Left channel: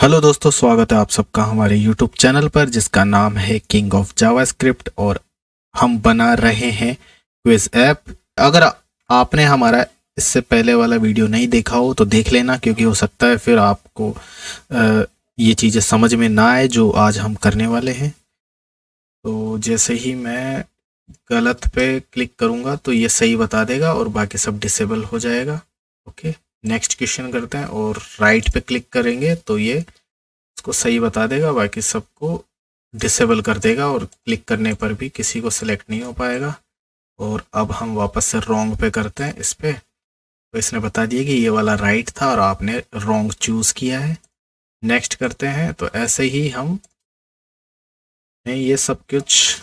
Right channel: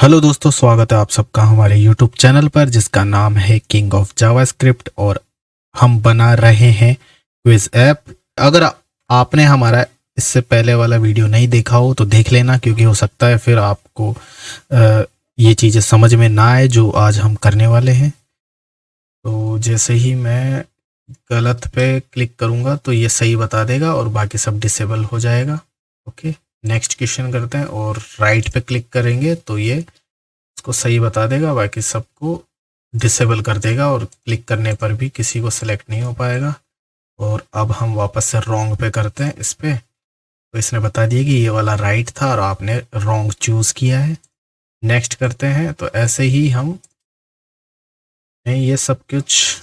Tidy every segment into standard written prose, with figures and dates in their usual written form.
Hello दोस्तों, स्वागत है आप सबका हमारे यूट्यूब चैनल पर जिसका नाम है किंग ऑफ जावास्क्रिप्ट। और हम बना रहे हैं क्विज ऐप। अगर आपने हमारा इससे पहले वाला वीडियो नहीं देखा हो तो देख लेना, क्योंकि हो सकता है फिर आपको अ, ये चीज़ें समझ में ना आए जो आज हम करने वाले हैं। तो जैसे ही मैं गलत पे क्लिक करूँगा तो ये सही बता देगा और बाकी सब डिसेबल हो जाएगा। ओके, नेक्स्ट क्वेश्चन करते हैं। और राइट पे क्लिक करेंगे तो ये इसको सही बता देगा, बाकी सबको डिसेबल कर देगा और क्लिक करने पर भी किसी को सिलेक्ट नहीं हो पाएगा। और अब हम वापस से रॉन्ग पे करते हैं इस पे, तो इसने बता दिया कि ये वाला राइट था और आपने रॉन्ग चूज़ किया है। नेक्स्ट करते हैं। तो ऐसे ही हम ने ये सब कुछ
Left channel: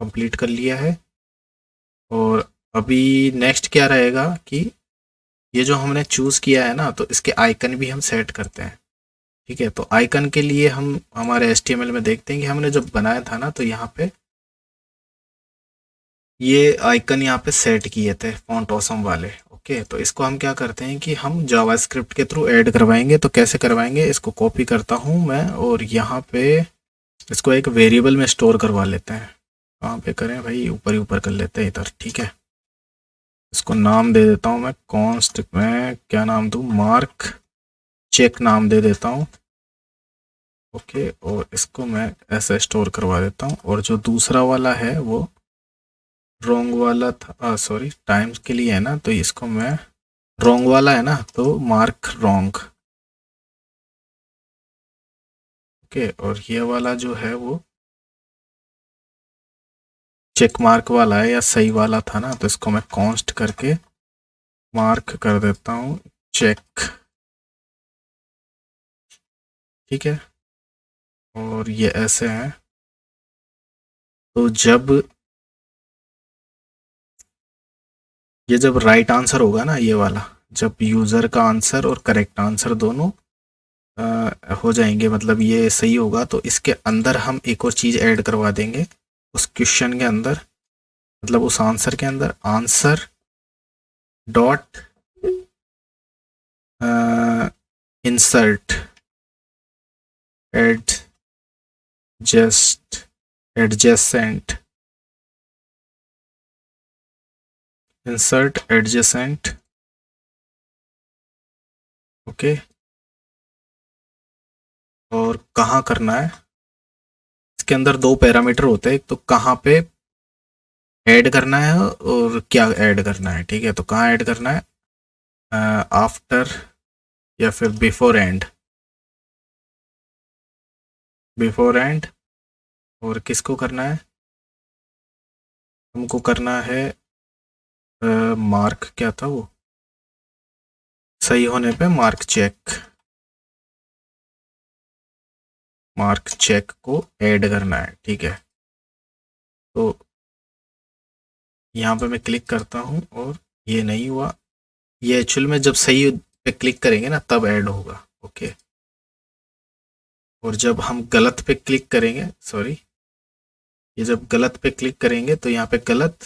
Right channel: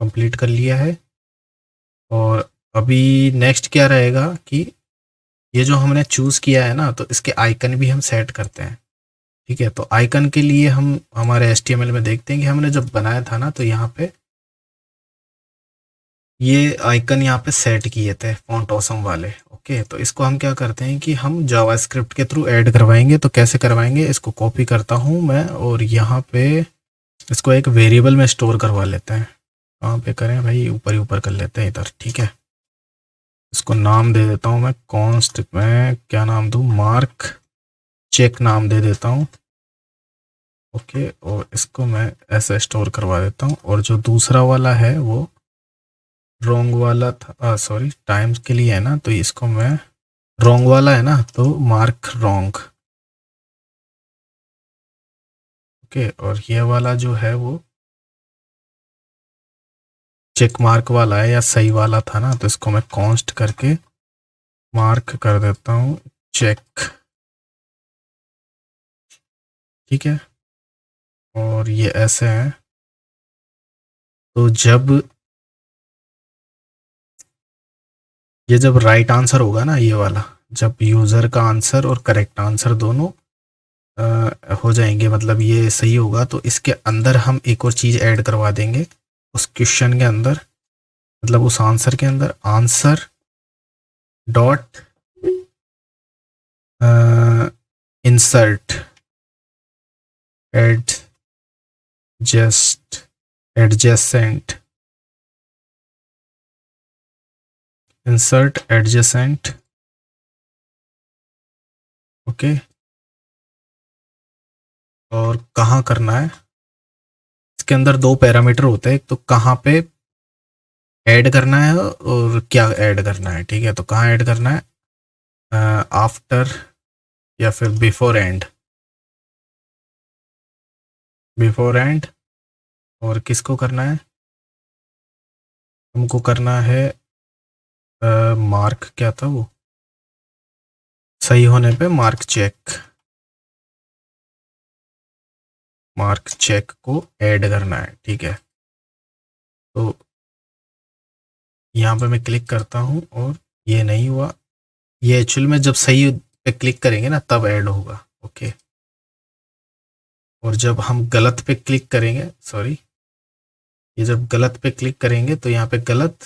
कंप्लीट कर लिया है। और अभी नेक्स्ट क्या रहेगा कि ये जो हमने चूज़ किया है ना, तो इसके आइकन भी हम सेट करते हैं। ठीक है, तो आइकन के लिए हम हमारे HTML में देखते हैं कि हमने जब बनाया था ना, तो यहाँ पे ये आइकन यहाँ पे सेट किए थे फॉन्ट ऑसम वाले। ओके, तो इसको हम क्या करते हैं कि हम जावास्क्रिप्ट के थ्रू ऐड करवाएंगे। तो कैसे करवाएंगे, इसको कॉपी करता हूँ मैं और यहाँ पे इसको एक वेरिएबल में स्टोर करवा लेते हैं। कहाँ पे करें भाई, ऊपर ही ऊपर कर लेते हैं इधर। ठीक है, इसको नाम दे देता हूँ मैं कॉन्स्ट में, क्या नाम दूँ, मार्क चेक नाम दे देता हूँ। ओके, और इसको मैं ऐसे स्टोर करवा देता हूँ। और जो दूसरा वाला है वो रॉन्ग वाला था, सॉरी टाइम्स के लिए है ना, तो इसको मैं रॉन्ग वाला है ना, तो मार्क रॉन्ग। ओके, और ये वाला जो है वो चेक मार्क वाला है या सही वाला था ना, तो इसको मैं कॉन्स्ट करके मार्क कर देता हूँ चेक। ठीक है, और ये ऐसे हैं। तो जब राइट आंसर होगा ना, ये वाला, जब यूज़र का आंसर और करेक्ट आंसर दोनों हो जाएंगे, मतलब ये सही होगा, तो इसके अंदर हम एक और चीज़ ऐड करवा देंगे उस क्वेश्चन के अंदर, मतलब उस आंसर के अंदर, answer dot insert adjust adjacent, insert adjacent. Okay, और कहाँ करना है, इसके अंदर दो पैरामीटर होते हैं, एक तो कहाँ पे ऐड करना है और क्या ऐड करना है। ठीक है, तो कहाँ ऐड करना है, आफ्टर या फिर बिफोर एंड, बिफोर एंड। और किसको करना है, हमको करना है मार्क, क्या था वो, सही होने पे मार्क चेक, मार्क चेक को ऐड करना है। ठीक है, तो यहाँ पे मैं क्लिक करता हूँ और ये नहीं हुआ, ये एक्चुअल में जब सही पे क्लिक करेंगे ना तब ऐड होगा। ओके, और जब हम गलत पे क्लिक करेंगे, सॉरी, ये जब गलत पे क्लिक करेंगे तो यहाँ पे गलत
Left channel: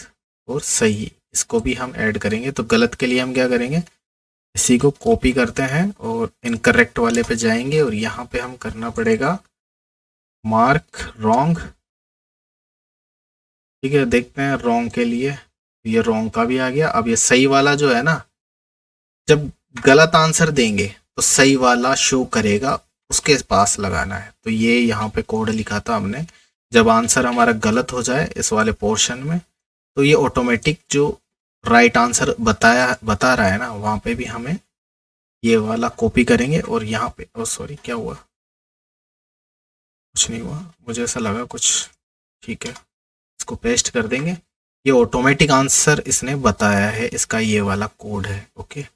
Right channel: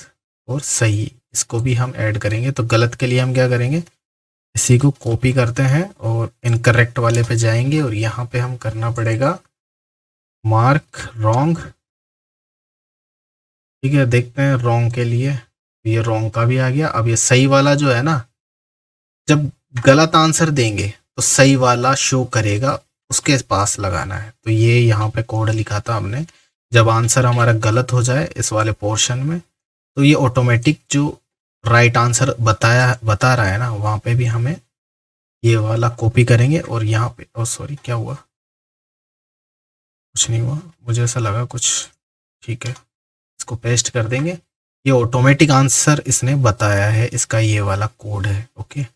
और सही, इसको भी हम ऐड करेंगे। तो गलत के लिए हम क्या करेंगे, इसी को कॉपी करते हैं और इनकरेक्ट वाले पे जाएंगे और यहाँ पे हम करना पड़ेगा मार्क रॉन्ग। ठीक है, देखते हैं रॉन्ग के लिए, ये रॉन्ग का भी आ गया। अब ये सही वाला जो है ना, जब गलत आंसर देंगे तो सही वाला शो करेगा, उसके पास लगाना है। तो ये यहाँ पे कोड लिखा था हमने, जब आंसर हमारा गलत हो जाए इस वाले पोर्शन में, तो ये ऑटोमेटिक जो राइट आंसर बता रहा है ना, वहाँ पे भी हमें ये वाला कॉपी करेंगे और यहाँ पे, ओ सॉरी, क्या हुआ, कुछ नहीं हुआ, मुझे ऐसा लगा कुछ। ठीक है, इसको पेस्ट कर देंगे, ये ऑटोमेटिक आंसर इसने बताया है, इसका ये वाला कोड है। ओके,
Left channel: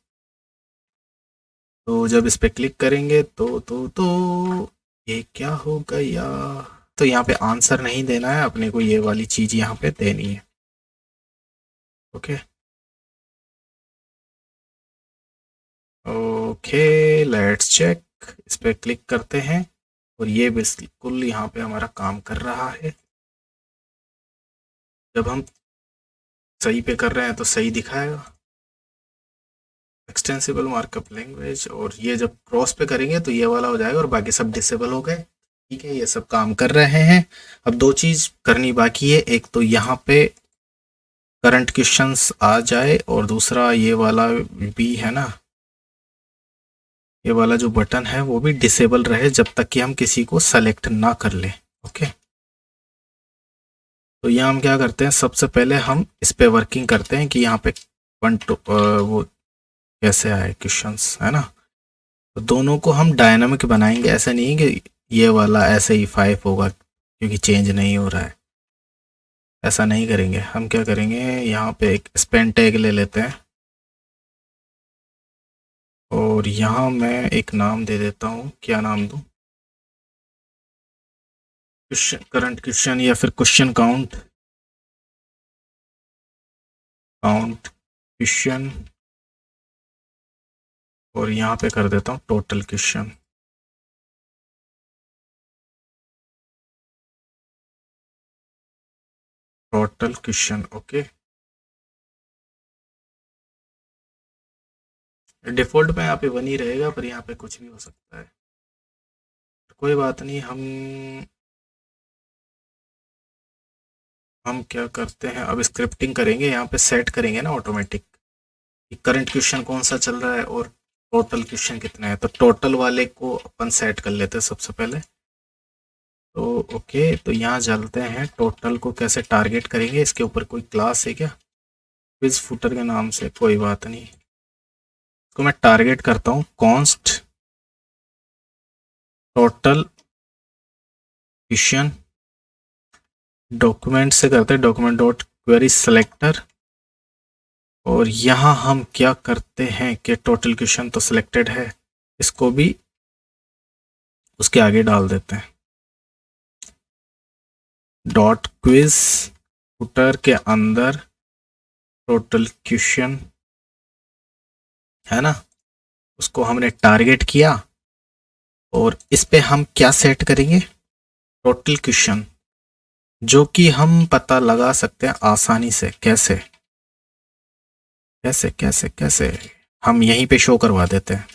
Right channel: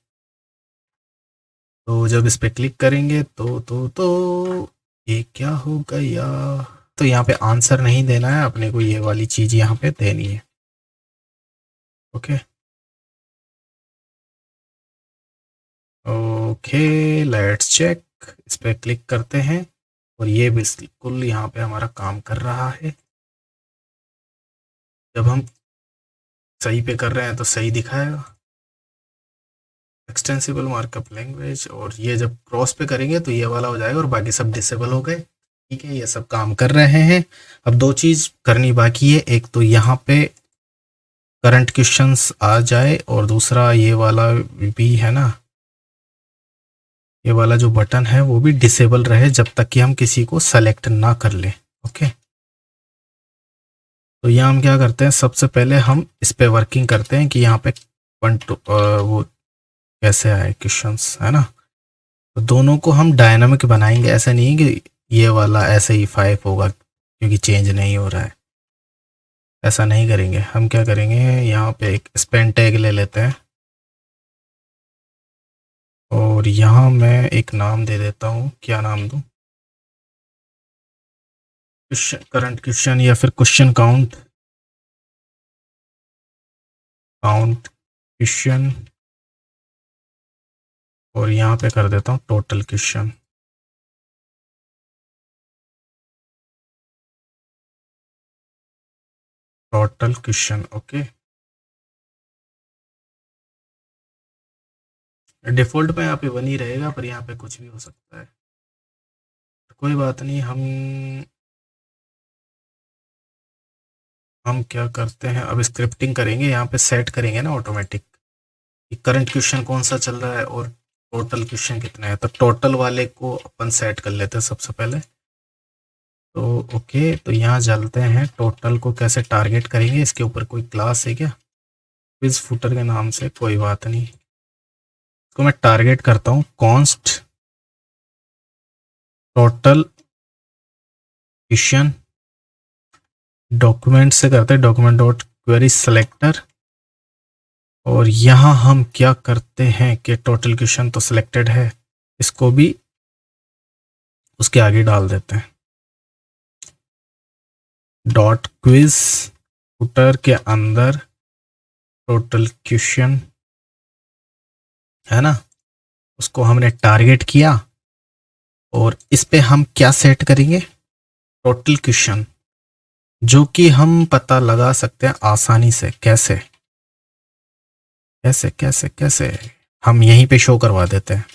तो जब इस पे क्लिक करेंगे तो ये क्या हो गया, तो यहाँ पे आंसर नहीं देना है अपने को, ये वाली चीज़ यहाँ पे देनी है। ओके, ओके, लेट्स चेक, इस पे क्लिक करते हैं और ये बिल्कुल यहाँ पे हमारा काम कर रहा है। जब हम सही पे कर रहे हैं तो सही दिखाएगा, एक्सटेंसिबल मार्कअप लैंग्वेज, और ये जब क्रॉस पे करेंगे तो ये वाला हो जाएगा और बाकी सब डिसेबल हो गए। ठीक है, ये सब काम कर रहे हैं। अब दो चीज़ करनी बाकी है, एक तो यहाँ पे करंट क्वेश्चंस आ जाए, और दूसरा ये वाला भी है ना, ये वाला जो बटन है वो भी डिसेबल रहे जब तक कि हम किसी को सेलेक्ट ना कर लें। ओके, तो यहाँ हम क्या करते हैं, सबसे पहले हम इस पे वर्किंग करते हैं कि यहाँ पे वो कैसे आए क्वेश्चंस, है ना। तो दोनों को हम डायनामिक बनाएंगे, ऐसा नहीं है कि ये वाला ऐसे ही 5 होगा क्योंकि चेंज नहीं हो रहा है, ऐसा नहीं करेंगे। हम क्या करेंगे, यहाँ पे एक स्पेन टैग ले लेते हैं, और यहाँ मैं एक नाम दे देता हूँ। क्या नाम दूँ, क्वेश्चन करंट क्वेश्चन, या फिर क्वेश्चन काउंट, काउंट क्वेश्चन, और यहाँ पे कर देता हूँ total question. Total question, okay. Default में यहाँ पे 1 ही रहेगा, पर यहाँ पे कुछ भी हो सकता है, कोई बात नहीं। हम क्या करते हैं, अब स्क्रिप्टिंग करेंगे, यहाँ पे सेट करेंगे ना ऑटोमेटिक कि करंट क्वेश्चन कौन सा चल रहा है और टोटल क्वेश्चन कितना है। तो टोटल वाले को अपन सेट कर लेते हैं सबसे पहले। तो ओके, तो यहाँ चलते हैं, टोटल को कैसे टारगेट करेंगे, इसके ऊपर कोई क्लास है क्या, क्विज फुटर के नाम से, कोई बात नहीं। इसको मैं टारगेट करता हूँ कॉन्स्ट टोटल क्वेश्चन, डॉक्यूमेंट से करते हैं डॉक्यूमेंट डॉट क्वेरी सेलेक्टर, और यहाँ हम क्या करते हैं कि टोटल क्वेश्चन तो सिलेक्टेड है, इसको भी उसके आगे डाल देते हैं, डॉट क्विज फुटर के अंदर टोटल क्वेश्चन, है ना, उसको हमने टारगेट किया। और इस पे हम क्या सेट करेंगे, टोटल क्वेश्चन, जो कि हम पता लगा सकते हैं आसानी से। कैसे कैसे कैसे कैसे, हम यहीं पे शो करवा देते हैं।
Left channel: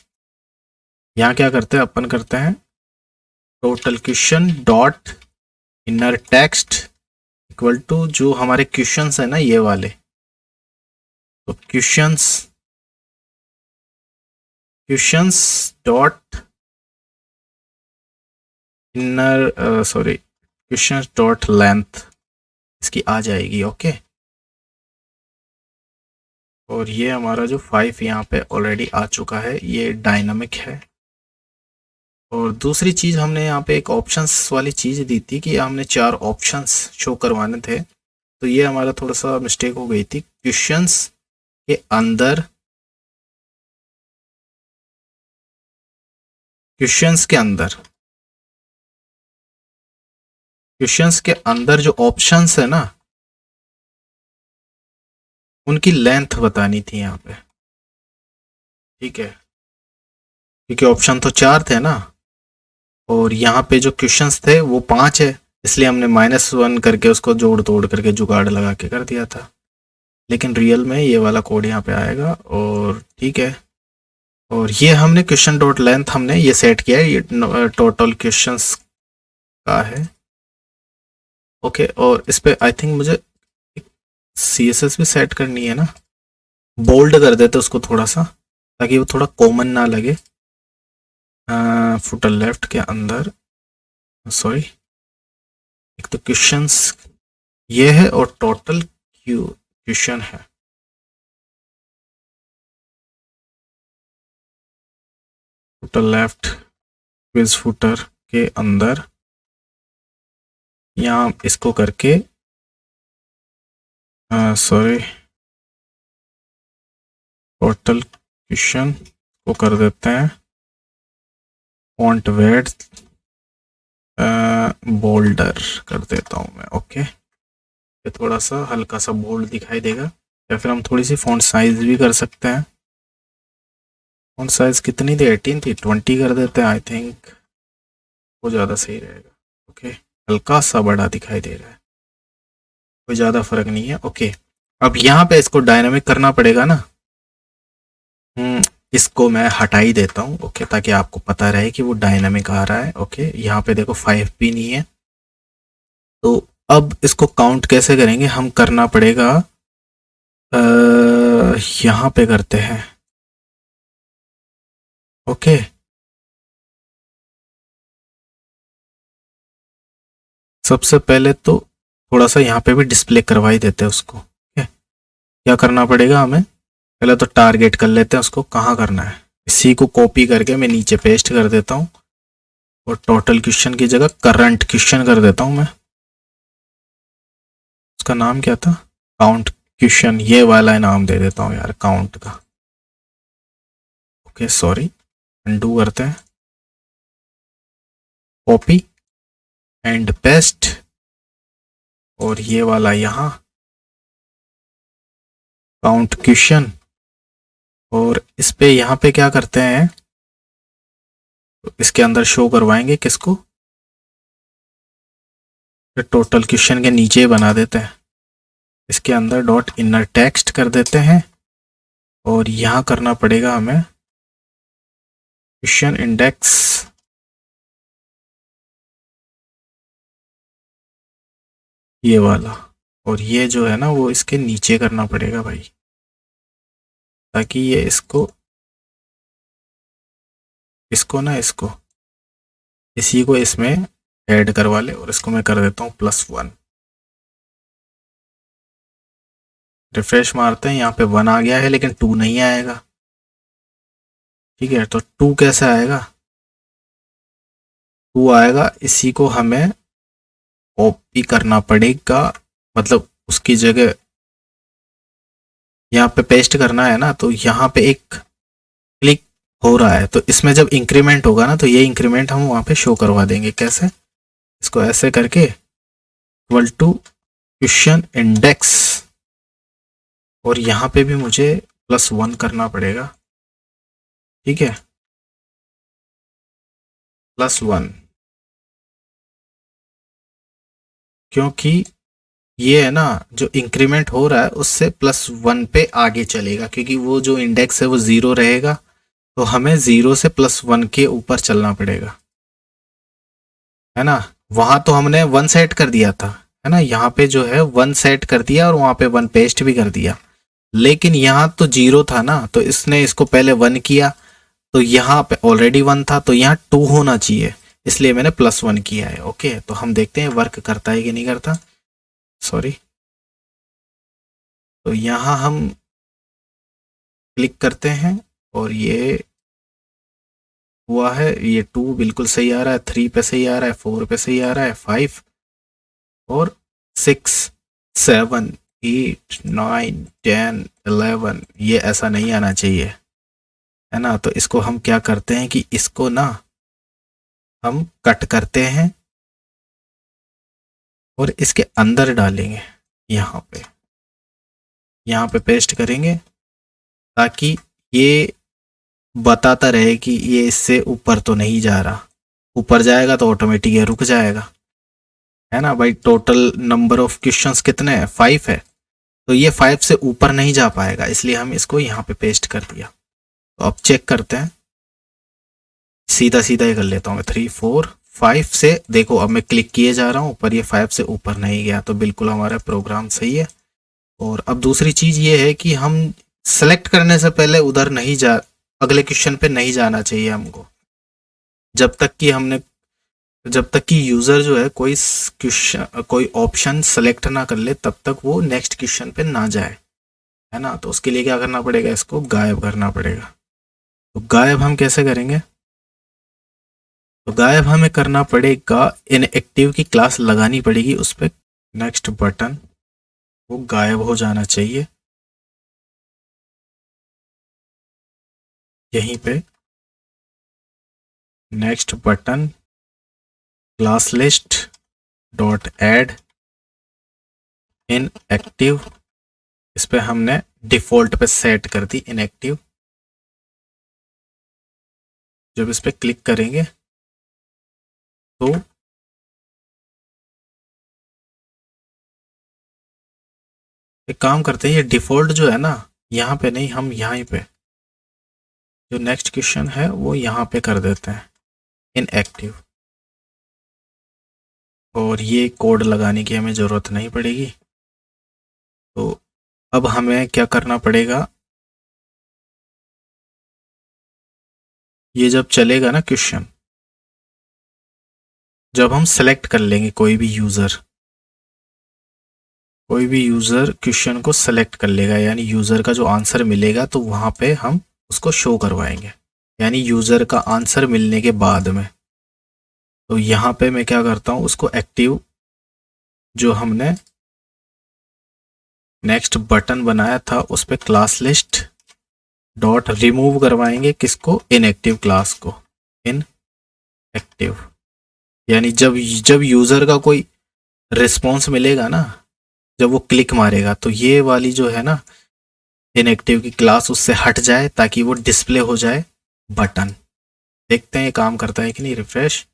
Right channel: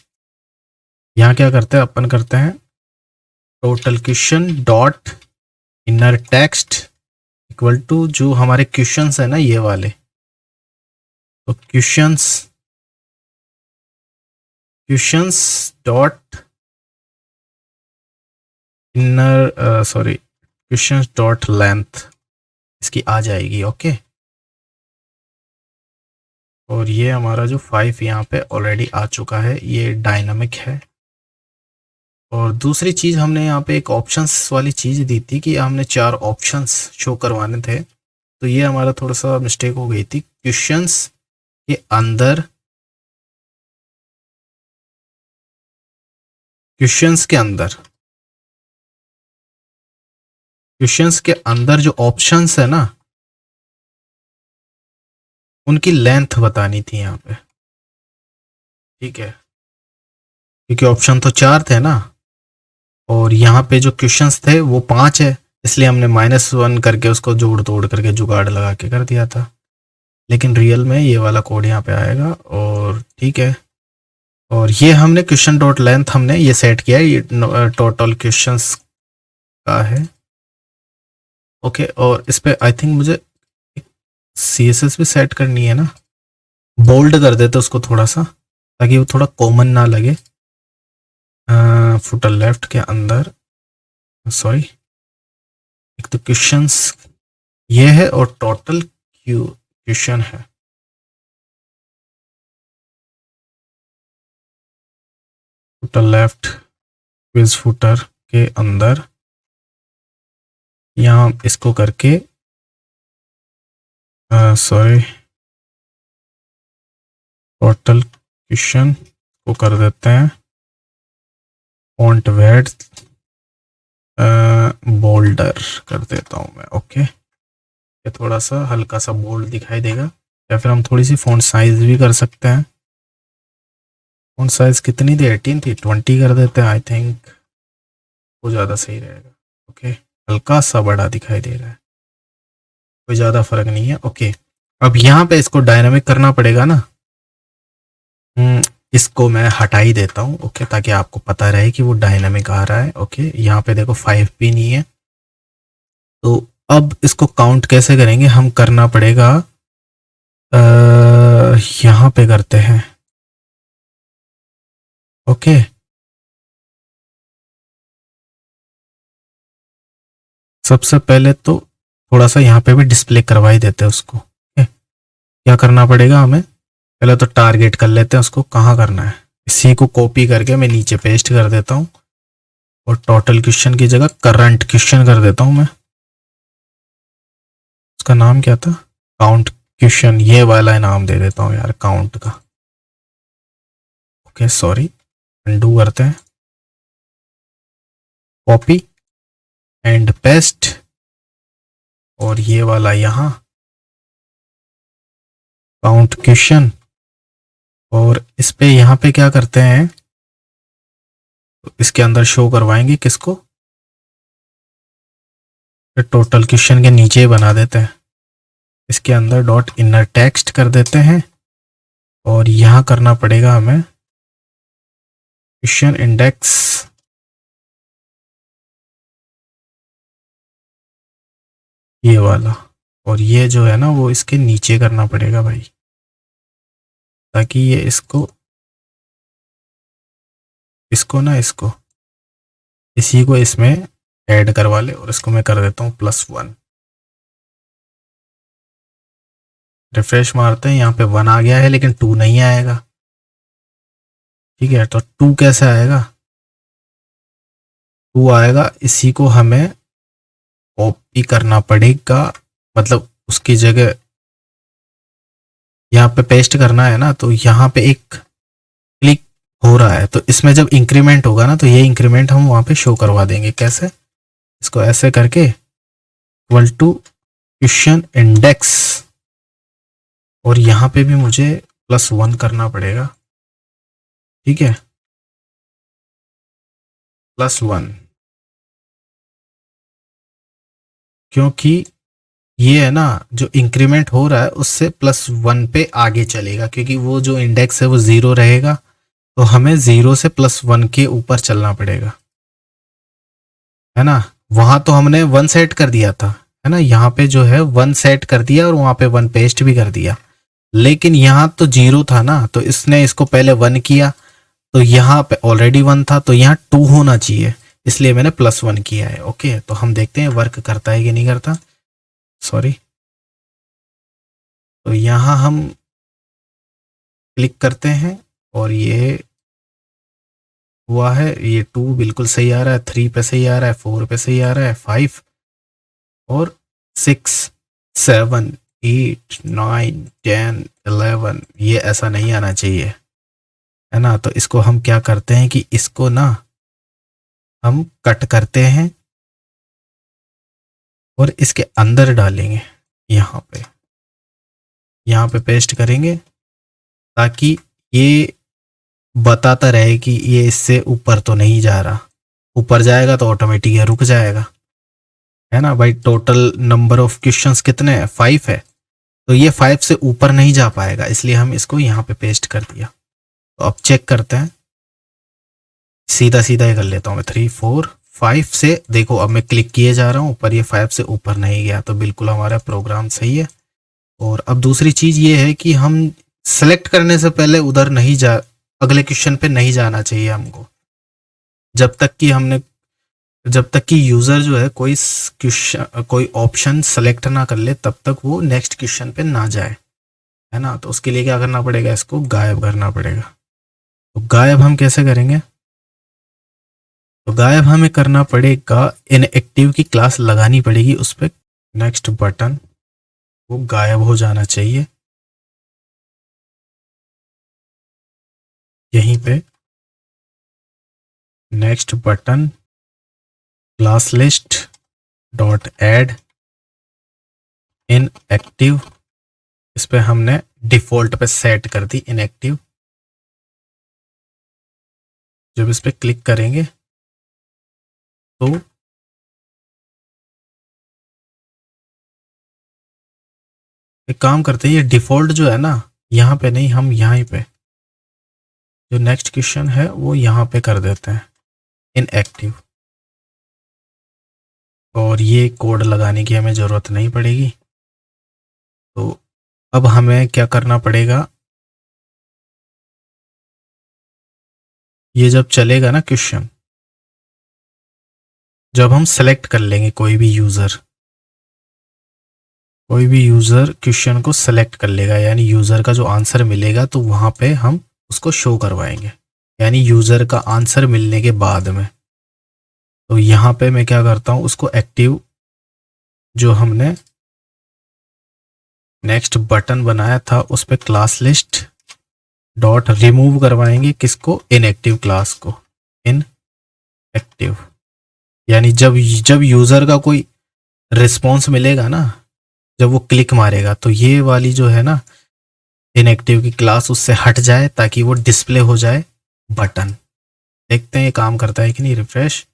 यहाँ क्या करते हैं, अपन करते हैं total question dot inner text equal to जो हमारे क्वेश्चंस है ना ये वाले, तो questions dot inner sorry questions dot length इसकी आ जाएगी। ओके, और ये हमारा जो 5 यहाँ पे ऑलरेडी आ चुका है, ये डायनामिक है। और दूसरी चीज़, हमने यहाँ पे एक ऑप्शंस वाली चीज़ दी थी कि हमने 4 ऑप्शंस शो करवाने थे, तो ये हमारा थोड़ा सा मिस्टेक हो गई थी। क्वेश्चंस के अंदर, क्वेश्चंस के अंदर क्वेश्चंस के अंदर जो ऑप्शंस है ना, उनकी लेंथ बतानी थी यहाँ पे। ठीक है, क्योंकि ऑप्शन तो 4 थे ना, और यहाँ पे जो क्वेश्चंस थे वो 5 है, इसलिए हमने -1 करके उसको जोड़ तोड़ करके जुगाड़ लगा के कर दिया था। लेकिन रियल में ये वाला कोड यहाँ पे आएगा, और ठीक है। और ये हमने क्वेश्चन डॉट लेंथ हमने ये सेट किया है, ये टोटल क्वेश्चंस का है। ओके, और इस पे आई थिंक मुझे CSS भी सेट करनी है ना, बोल्ड कर देते उसको थोड़ा सा, ताकि वो थोड़ा कॉमन ना लगे। फुटर लेफ्ट के अंदर, सॉरी, एक तो क्वेश्चंस ये है और टोटल क्वेश्चन है। फुटर लेफ्ट क्विज फुटर के अंदर यहाँ इसको करके, सॉरी, टोटल क्वेश्चन को कर देते हैं फॉन्ट विड्थ बोल्डर कर देता हूँ मैं। ओके, ये थोड़ा सा हल्का सा बोल्ड दिखाई देगा, या फिर हम थोड़ी सी फॉन्ट साइज भी कर सकते हैं। फॉन्ट साइज कितनी थी, 18 थी, 20 कर देते हैं, आई थिंक वो ज़्यादा सही रहेगा। ओके, हल्का सा बड़ा दिखाई दे रहा है, कोई ज़्यादा फर्क नहीं है। ओके, अब यहाँ पे इसको डायनामिक करना पड़ेगा ना, इसको मैं हटा ही देता हूँ, ओके, ताकि आपको पता रहे कि वो डायनामिक आ रहा है। ओके, यहाँ पे देखो 5 भी नहीं है। तो अब इसको काउंट कैसे करेंगे, हम करना पड़ेगा यहाँ पे करते हैं। ओके, सबसे पहले तो थोड़ा सा यहाँ पे भी डिस्प्ले करवा ही देते हैं उसको। ओके, क्या करना पड़ेगा हमें, पहले तो टारगेट कर लेते हैं उसको, कहाँ करना है। इसी को कॉपी करके मैं नीचे पेस्ट कर देता हूँ और टोटल क्वेश्चन की जगह करंट क्वेश्चन कर देता हूँ मैं। उसका नाम क्या था, काउंट क्वेश्चन, ये वाला नाम दे देता हूँ यार, काउंट का। ओके सॉरी, अनडू करते हैं, कॉपी एंड पेस्ट, और ये वाला यहाँ काउंट क्वेश्चन, और इस पे यहाँ पे क्या करते हैं, तो इसके अंदर शो करवाएंगे किसको, टोटल क्वेश्चन के नीचे बना देते हैं, इसके अंदर डॉट इनर टेक्स्ट कर देते हैं, और यहाँ करना पड़ेगा हमें क्वेश्चन इंडेक्स, ये वाला, और ये जो है ना वो इसके नीचे करना पड़ेगा भाई, ताकि ये इसको इसको ना इसको इसी को इसमें ऐड करवा ले, और इसको मैं कर देता हूँ +1। रिफ्रेश मारते हैं, यहाँ पे 1 आ गया है लेकिन 2 नहीं आएगा। ठीक है, तो 2 कैसे आएगा, 2 आएगा, इसी को हमें कॉपी करना पड़ेगा, मतलब उसकी जगह यहाँ पे पेस्ट करना है ना, तो यहाँ पे एक क्लिक हो रहा है, तो इसमें जब इंक्रीमेंट होगा ना, तो ये इंक्रीमेंट हम वहाँ पे शो करवा देंगे। कैसे, इसको ऐसे करके इक्वल टू क्वेश्चन इंडेक्स, और यहाँ पे भी मुझे +1 करना पड़ेगा। ठीक है, +1, क्योंकि ये है ना जो इंक्रीमेंट हो रहा है उससे +1 पे आगे चलेगा, क्योंकि वो जो इंडेक्स है वो 0 रहेगा, तो हमें 0 से +1 के ऊपर चलना पड़ेगा, है ना। वहां तो हमने 1 सेट कर दिया था, है ना, यहाँ पे जो है 1 सेट कर दिया और वहां पे 1 पेस्ट भी कर दिया, लेकिन यहाँ तो 0 था ना, तो इसने इसको पहले 1 किया, तो यहाँ पे ऑलरेडी 1 था, तो यहाँ 2 होना चाहिए, इसलिए मैंने +1 किया है। ओके, तो हम देखते हैं वर्क करता है कि नहीं करता। सॉरी, तो यहाँ हम क्लिक करते हैं, और ये हुआ है, ये 2 बिल्कुल सही आ रहा है, 3 पे सही आ रहा है, 4 पे सही आ रहा है, 5 और 6 7 8 9 10 11, ये ऐसा नहीं आना चाहिए, है ना। तो इसको हम क्या करते हैं कि इसको ना हम कट करते हैं और इसके अंदर डालेंगे, यहाँ पे पेस्ट करेंगे, ताकि ये बताता रहे कि ये इससे ऊपर तो नहीं जा रहा, ऊपर जाएगा तो ऑटोमेटिक ये रुक जाएगा, है ना भाई। टोटल नंबर ऑफ क्वेश्चंस कितने हैं, 5 है, तो ये 5 से ऊपर नहीं जा पाएगा, इसलिए हम इसको यहाँ पे पेस्ट कर दिया। तो अब चेक करते हैं, सीधा सीधा ही कर लेता हूँ मैं, 3 4 5 से देखो, अब मैं क्लिक किए जा रहा हूँ पर ये 5 से ऊपर नहीं गया, तो बिल्कुल हमारा प्रोग्राम सही है। और अब दूसरी चीज़ ये है कि हम सेलेक्ट करने से पहले उधर नहीं जा, अगले क्वेश्चन पे नहीं जाना चाहिए हमको, जब तक कि हमने जब तक कि यूज़र जो है कोई क्वेश्चन कोई ऑप्शन सेलेक्ट ना कर ले, तब तक वो नेक्स्ट क्वेश्चन पे ना जाए, है ना। तो उसके लिए क्या करना पड़ेगा, इसको गायब करना पड़ेगा। तो गायब हम कैसे करेंगे, तो गायब हमें करना पड़ेगा, इनएक्टिव की क्लास लगानी पड़ेगी उस पर, नेक्स्ट बटन, वो गायब हो जाना चाहिए, यहीं पे next button, class list dot add inactive, इस पे हमने डिफ़ॉल्ट पे सेट कर दी इनएक्टिव। जब इस पे क्लिक करेंगे तो एक काम करते हैं, ये डिफ़ॉल्ट जो है ना, यहाँ पे नहीं, हम यहाँ पे जो नेक्स्ट क्वेश्चन है वो यहाँ पे कर देते हैं इनएक्टिव, और ये कोड लगाने की हमें ज़रूरत नहीं पड़ेगी। तो अब हमें क्या करना पड़ेगा, ये जब चलेगा ना क्वेश्चन, जब हम सेलेक्ट कर लेंगे कोई भी यूज़र क्वेश्चन को सेलेक्ट कर लेगा, यानी यूज़र का जो आंसर मिलेगा तो वहाँ पे हम उसको शो करवाएंगे, यानी यूज़र का आंसर मिलने के बाद में। तो यहाँ पे मैं क्या करता हूँ, उसको एक्टिव जो हमने नेक्स्ट बटन बनाया था उस पर क्लास लिस्ट डॉट रिमूव करवाएंगे, किसको, इनएक्टिव क्लास को, इनएक्टिव। यानी जब जब यूज़र का कोई रिस्पॉन्स मिलेगा ना, जब वो क्लिक मारेगा तो ये वाली जो है ना इनएक्टिव की क्लास उससे हट जाए ताकि वो डिस्प्ले हो जाए बटन। देखते हैं ये काम करता है कि नहीं। रिफ्रेश,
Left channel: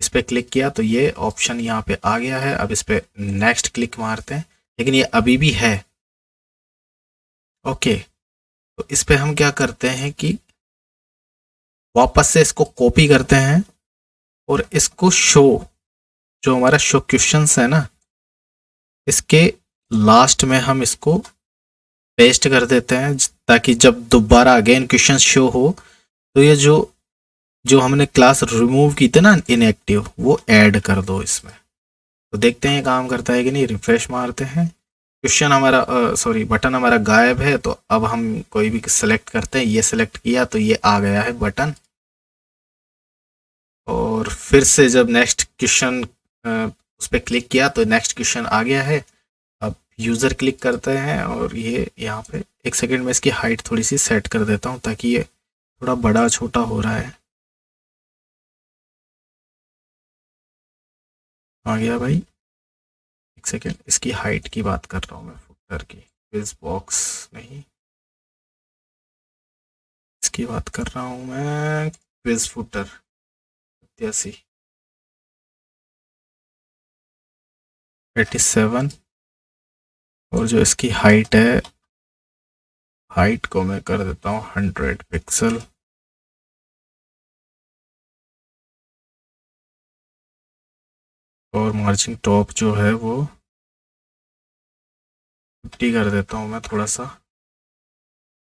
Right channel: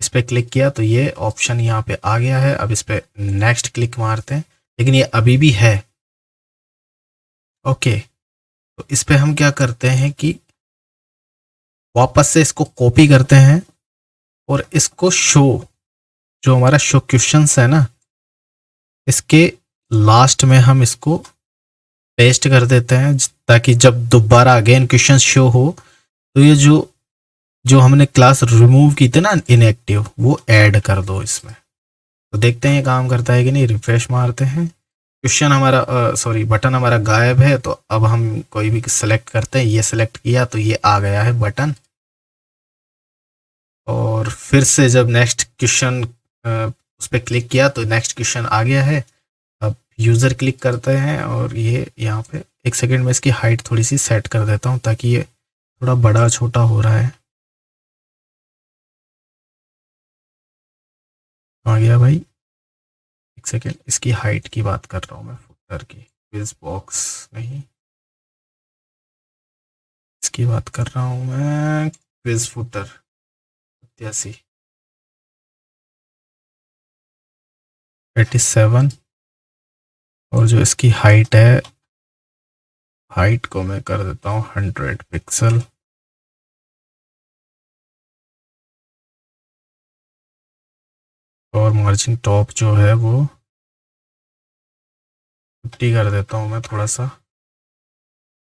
इस पर क्लिक किया तो ये ऑप्शन यहाँ पे आ गया है। अब इस पर नेक्स्ट क्लिक मारते हैं, लेकिन ये अभी भी है। ओके, तो इस पर हम क्या करते हैं कि वापस से इसको कॉपी करते हैं और इसको शो, जो हमारा शो क्वेश्चंस है ना, इसके लास्ट में हम इसको पेस्ट कर देते हैं, ताकि जब दोबारा अगेन क्वेश्चन शो हो तो ये जो जो हमने क्लास रिमूव की थी ना इनएक्टिव, वो ऐड कर दो इसमें। तो देखते हैं ये काम करता है कि नहीं। रिफ्रेश मारते हैं, क्वेश्चन हमारा सॉरी बटन हमारा गायब है। तो अब हम कोई भी सेलेक्ट करते हैं, ये सेलेक्ट किया तो ये आ गया है बटन। और फिर से जब नेक्स्ट क्वेश्चन उस पर क्लिक किया तो नेक्स्ट क्वेश्चन आ गया है। अब यूज़र क्लिक करते हैं और ये यहाँ पे एक सेकेंड में इसकी हाइट थोड़ी सी सेट कर देता हूँ ताकि ये थोड़ा बड़ा छोटा हो रहा है। आ गया भाई, एक सेकेंड, इसकी हाइट की बात कर रहा हूँ मैं, फुटर की, क्विज बॉक्स नहीं, इसकी बात कर रहा हूँ मैं, क्विज फुटर 87। और जो इसकी हाइट है, हाइट को मैं कर देता हूँ 100 पिक्सल। और मार्जिन टॉप जो है वो 50 कर देता हूँ मैं थोड़ा सा।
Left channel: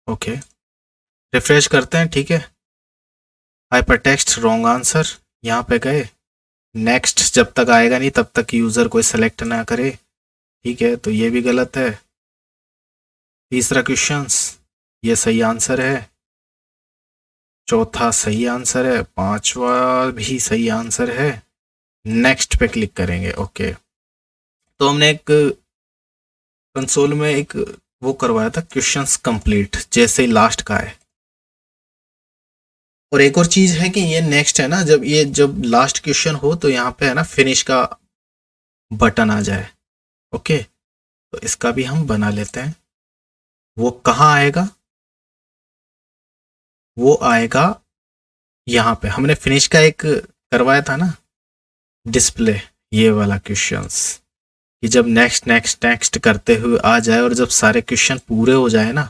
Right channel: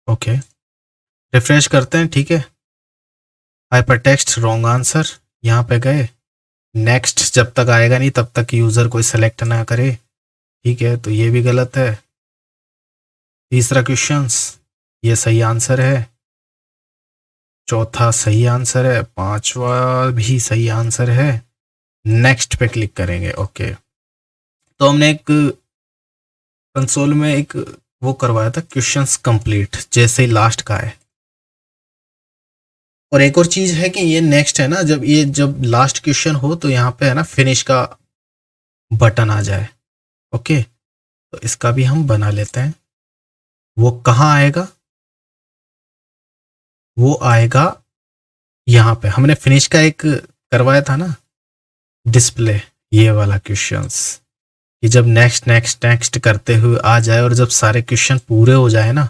ओके, रिफ्रेश करते हैं, ठीक है। हाइपर टेक्स्ट रॉन्ग आंसर, यहाँ पे गए। नेक्स्ट जब तक आएगा नहीं तब तक यूज़र कोई सेलेक्ट ना करे, ठीक है। तो ये भी गलत है। तीसरा क्वेश्चंस, ये सही आंसर है। चौथा सही आंसर है। पांचवा भी सही आंसर है। नेक्स्ट पे क्लिक करेंगे। ओके, तो हमने एक कंसोल में एक वो करवाया था, क्वेश्चंस कंप्लीट, जैसे ही लास्ट का है। और एक और चीज़ है कि ये नेक्स्ट है ना, जब लास्ट क्वेश्चन हो तो यहाँ पे है ना फिनिश का बटन आ जाए। ओके, तो इसका भी हम बना लेते हैं। वो कहाँ आएगा, वो आएगा यहाँ पे। हमने फिनिश का एक करवाया था ना डिस्प्ले, ये वाला क्वेश्चंस, कि जब नेक्स्ट नेक्स्ट नेक्स्ट करते हुए आ जाए और जब सारे क्वेश्चन पूरे हो जाए ना,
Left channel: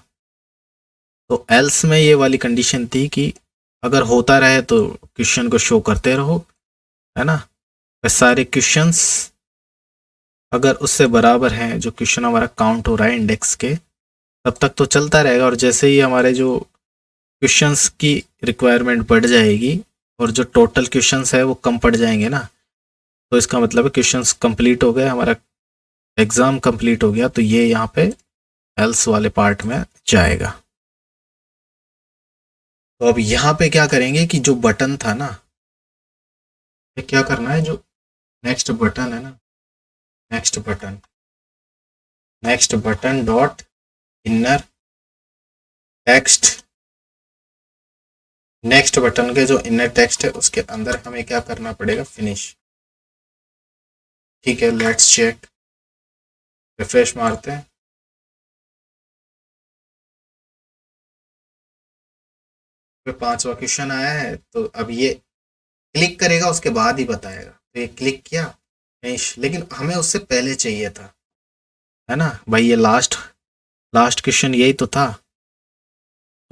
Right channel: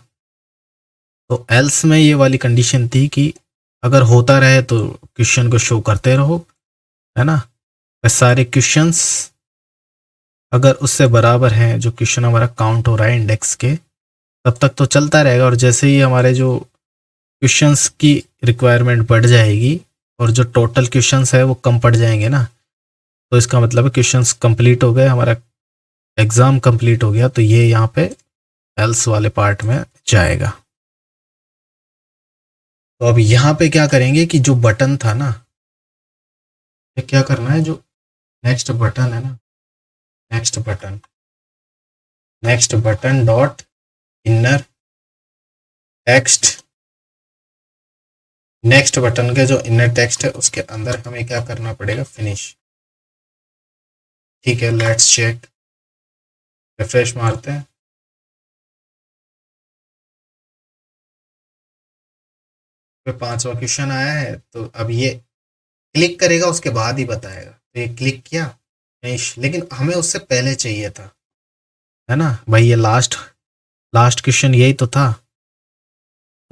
तो एल्स में ये वाली कंडीशन थी कि अगर होता रहे तो क्वेश्चन को शो करते रहो, है ना। वह सारे क्वेश्चंस अगर उससे बराबर हैं, जो क्वेश्चन हमारा काउंट हो रहा है इंडेक्स के, तब तक तो चलता रहेगा। और जैसे ही हमारे जो क्वेश्चंस की रिक्वायरमेंट बढ़ जाएगी और जो टोटल क्वेश्चंस है वो कम पड़ जाएंगे ना, तो इसका मतलब है क्वेश्चंस कंप्लीट हो गए, हमारा एग्ज़ाम कंप्लीट हो गया। तो ये यहाँ पे एल्स वाले पार्ट में जाएगा। तो अब यहाँ पे क्या करेंगे कि जो बटन था ना, ये क्या करना है, जो नेक्स्ट बटन है ना, next button dot inner text, next button के जो इनर टेक्स्ट है उसके अंदर हमें क्या करना पड़ेगा, फिनिश। ठीक है, लेट्स चेक। रिफ्रेश मारते हैं, पे पांचवा क्वेश्चन आया है। तो अब ये क्लिक करेगा उसके बाद ही बताएगा। तो ये क्लिक किया, फिनिश, लेकिन हमें उससे पहले चाहिए था, है ना भाई। ये लास्ट क्वेश्चन यही तो था।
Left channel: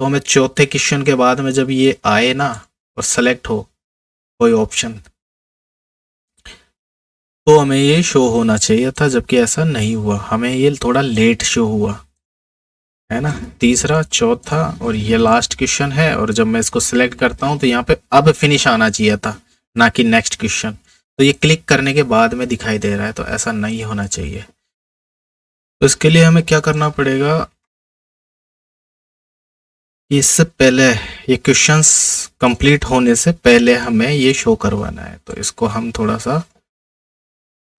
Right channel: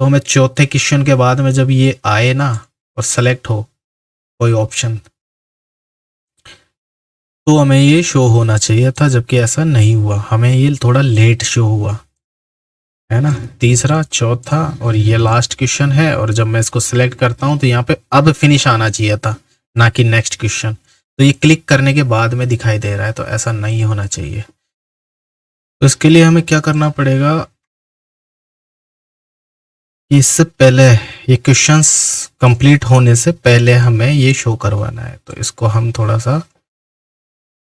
तो हमें चौथे क्वेश्चन के बाद में जब ये आए ना और सेलेक्ट हो कोई ऑप्शन, तो हमें ये शो होना चाहिए था, जबकि ऐसा नहीं हुआ, हमें ये थोड़ा लेट शो हुआ है ना। तीसरा, चौथा और ये लास्ट क्वेश्चन है, और जब मैं इसको सिलेक्ट करता हूँ तो यहाँ पे अब फिनिश आना चाहिए था, ना कि नेक्स्ट क्वेश्चन। तो ये क्लिक करने के बाद में दिखाई दे रहा है, तो ऐसा नहीं होना चाहिए। तो इसके लिए हमें क्या करना पड़ेगा कि इससे पहले ये क्वेश्चंस कंप्लीट होने से पहले हमें ये शो करवाना है। तो इसको हम थोड़ा सा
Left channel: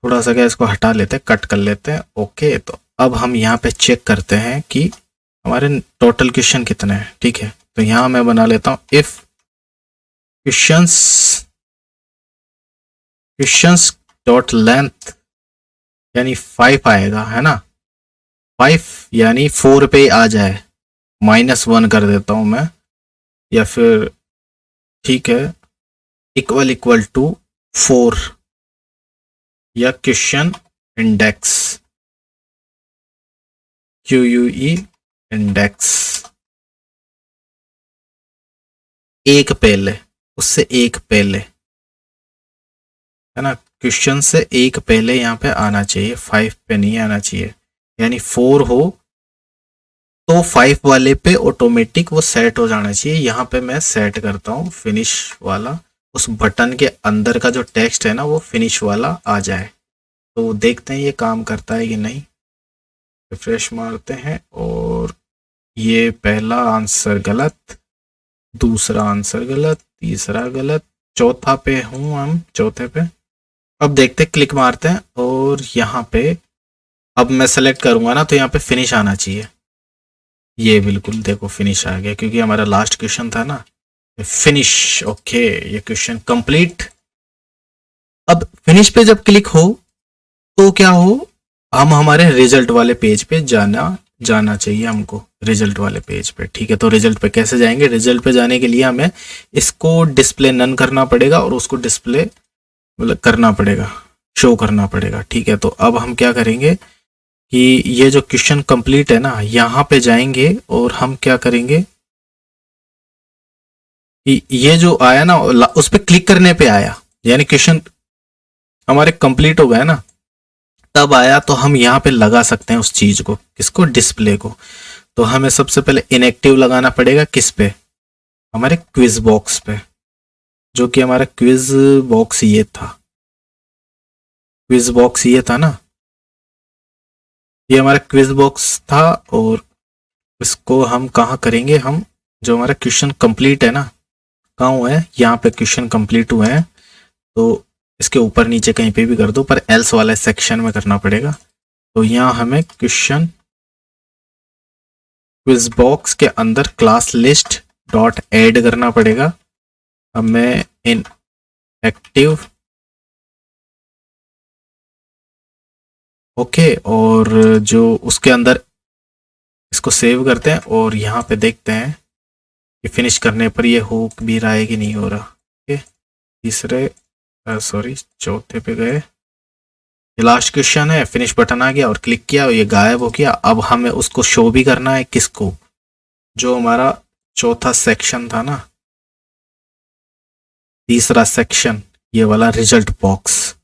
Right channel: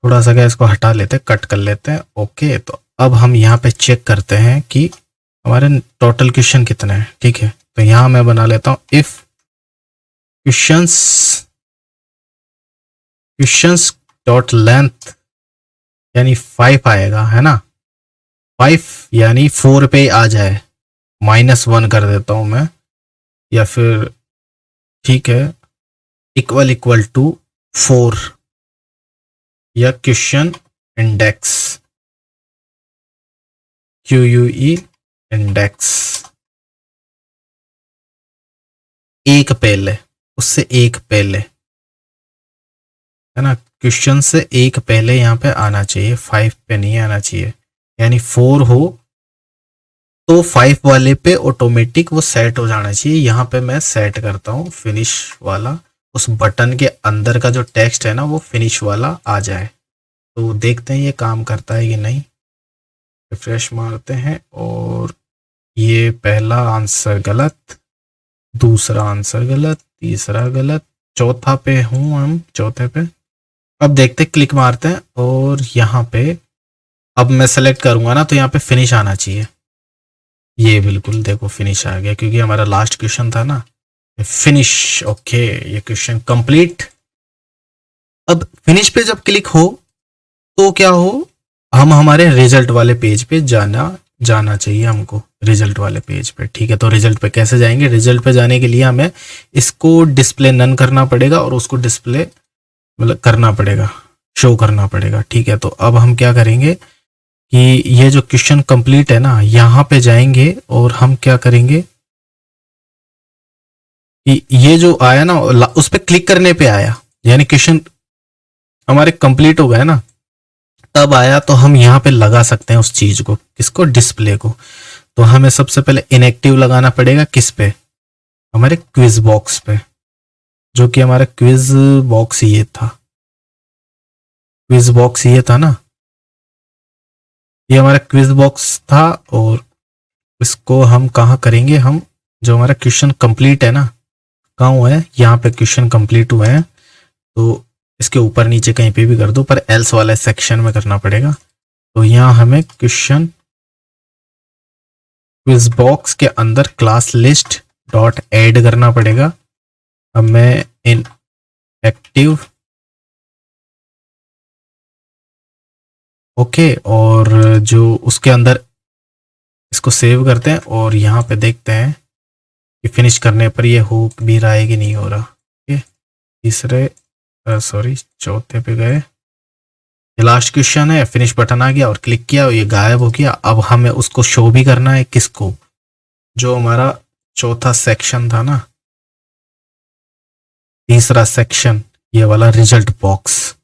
क्या, इसको हटा लेते हैं, कट कर लेते हैं। ओके, तो अब हम यहाँ पे चेक करते हैं कि हमारे टोटल क्वेश्चन कितने हैं। ठीक है, तो यहाँ मैं बना लेता हूँ इफ क्वेश्चंस डॉट लेंथ, यानी 5 आएगा, है ना। 5 यानी 4 पे आ जाए, -1 कर देता हूँ मैं, या फिर ठीक है इक्वल टू 4, या क्वेश्चन इंडेक्स QUE इंडेक्स, एक पहले, उससे एक पहले, है ना। क्वेश्चन से एक पहले यहाँ पे आना चाहिए, 5 पे नहीं आना चाहिए। यानी 4 हो तो 5 वाले पे ऑटोमेटिक वो सेट हो जाना चाहिए। यहाँ पे मैं सेट करता हूँ फिनिश वाला, उस बटन के अंदर का जो टेक्स्ट है ना वो फिनिश वाला आ जाए। तो देखते हैं ये काम करता है कि नहीं। रिफ्रेश मारते हैं, और ये पहला आंसर गलत, दूसरा आंसर गलत, तीसरा गलत, चौथा पे हूँ हम, चौथे पे। अब देखते, क्लिक मारते हैं, और यहाँ पे अब मैं सेलेक्ट करूँगा ना तो यहाँ पे फिनिश आना चाहिए। ये बिल्कुल देखो फिनिश आ गया, क्योंकि हमारा लास्ट क्वेश्चन था ना। फिनिश, ओके, ये क्वेश्चन कंप्लीट। अब फिनिश पे जब क्लिक हो तो क्या हो, हम हमारे रिजल्ट वाले पेज पे जाना चाहिए हमको, रिजल्ट वाले पेज पे। ठीक है, तो रिजल्ट पे कैसे जाएंगे? रिजल्ट पे जाने के लिए हमें इसको डिस्प्ले नन करना पड़ेगा, और उसको डिस्प्ले मतलब करना पड़ेगा, शो करना पड़ेगा। ठीक है, तो अब हम क्या करेंगे कि ये जो क्वेश्चन कंप्लीट है ना, यहाँ पे जाएंगे और हम क्या करेंगे कि ये जो आया ना उस पर क्लिक करने पे आया, यानी क्वेश्चन हमारे कंप्लीट हो गए ना, तब आया, तो हम यहाँ पे लगा सकते हैं उस चीज को, किसको? डिस्प्ले को। तो हमें सबसे पहले इनएक्टिव लगाना पड़ेगा, किस पे? हमारे क्विज बॉक्स पे, जो कि हमारा क्विज बॉक्स ये था, क्विज बॉक्स ये था ना, ये हमारा क्विज बॉक्स था। और इसको हम कहाँ करेंगे? हम जो हमारा क्वेश्चन कंप्लीट है ना, कहाँ हुआ है? यहाँ पे क्वेश्चन कंप्लीट हुए हैं, तो इसके ऊपर नीचे कहीं पे भी कर दो, पर एल्स वाले सेक्शन में करना पड़ेगा। तो यहाँ हमें क्वेश्चन क्विज बॉक्स के अंदर क्लास लिस्ट डॉट ऐड करना पड़ेगा। अब मैं इन एक्टिव, ओके, और जो उसके अंदर इसको सेव करते हैं, और यहाँ पे देखते हैं कि फिनिश करने पर ये हो भी रहा है कि नहीं हो रहा। ओके, तीसरे सॉरी चौथे पे गए, ये लास्ट क्वेश्चन है, फिनिश बटन आ गया और क्लिक किया और ये गायब हो गया। अब हमें उसको शो भी करना है, किसको? जो हमारा चौथा सेक्शन था ना, तीसरा सेक्शन, ये वाला रिजल्ट बॉक्स,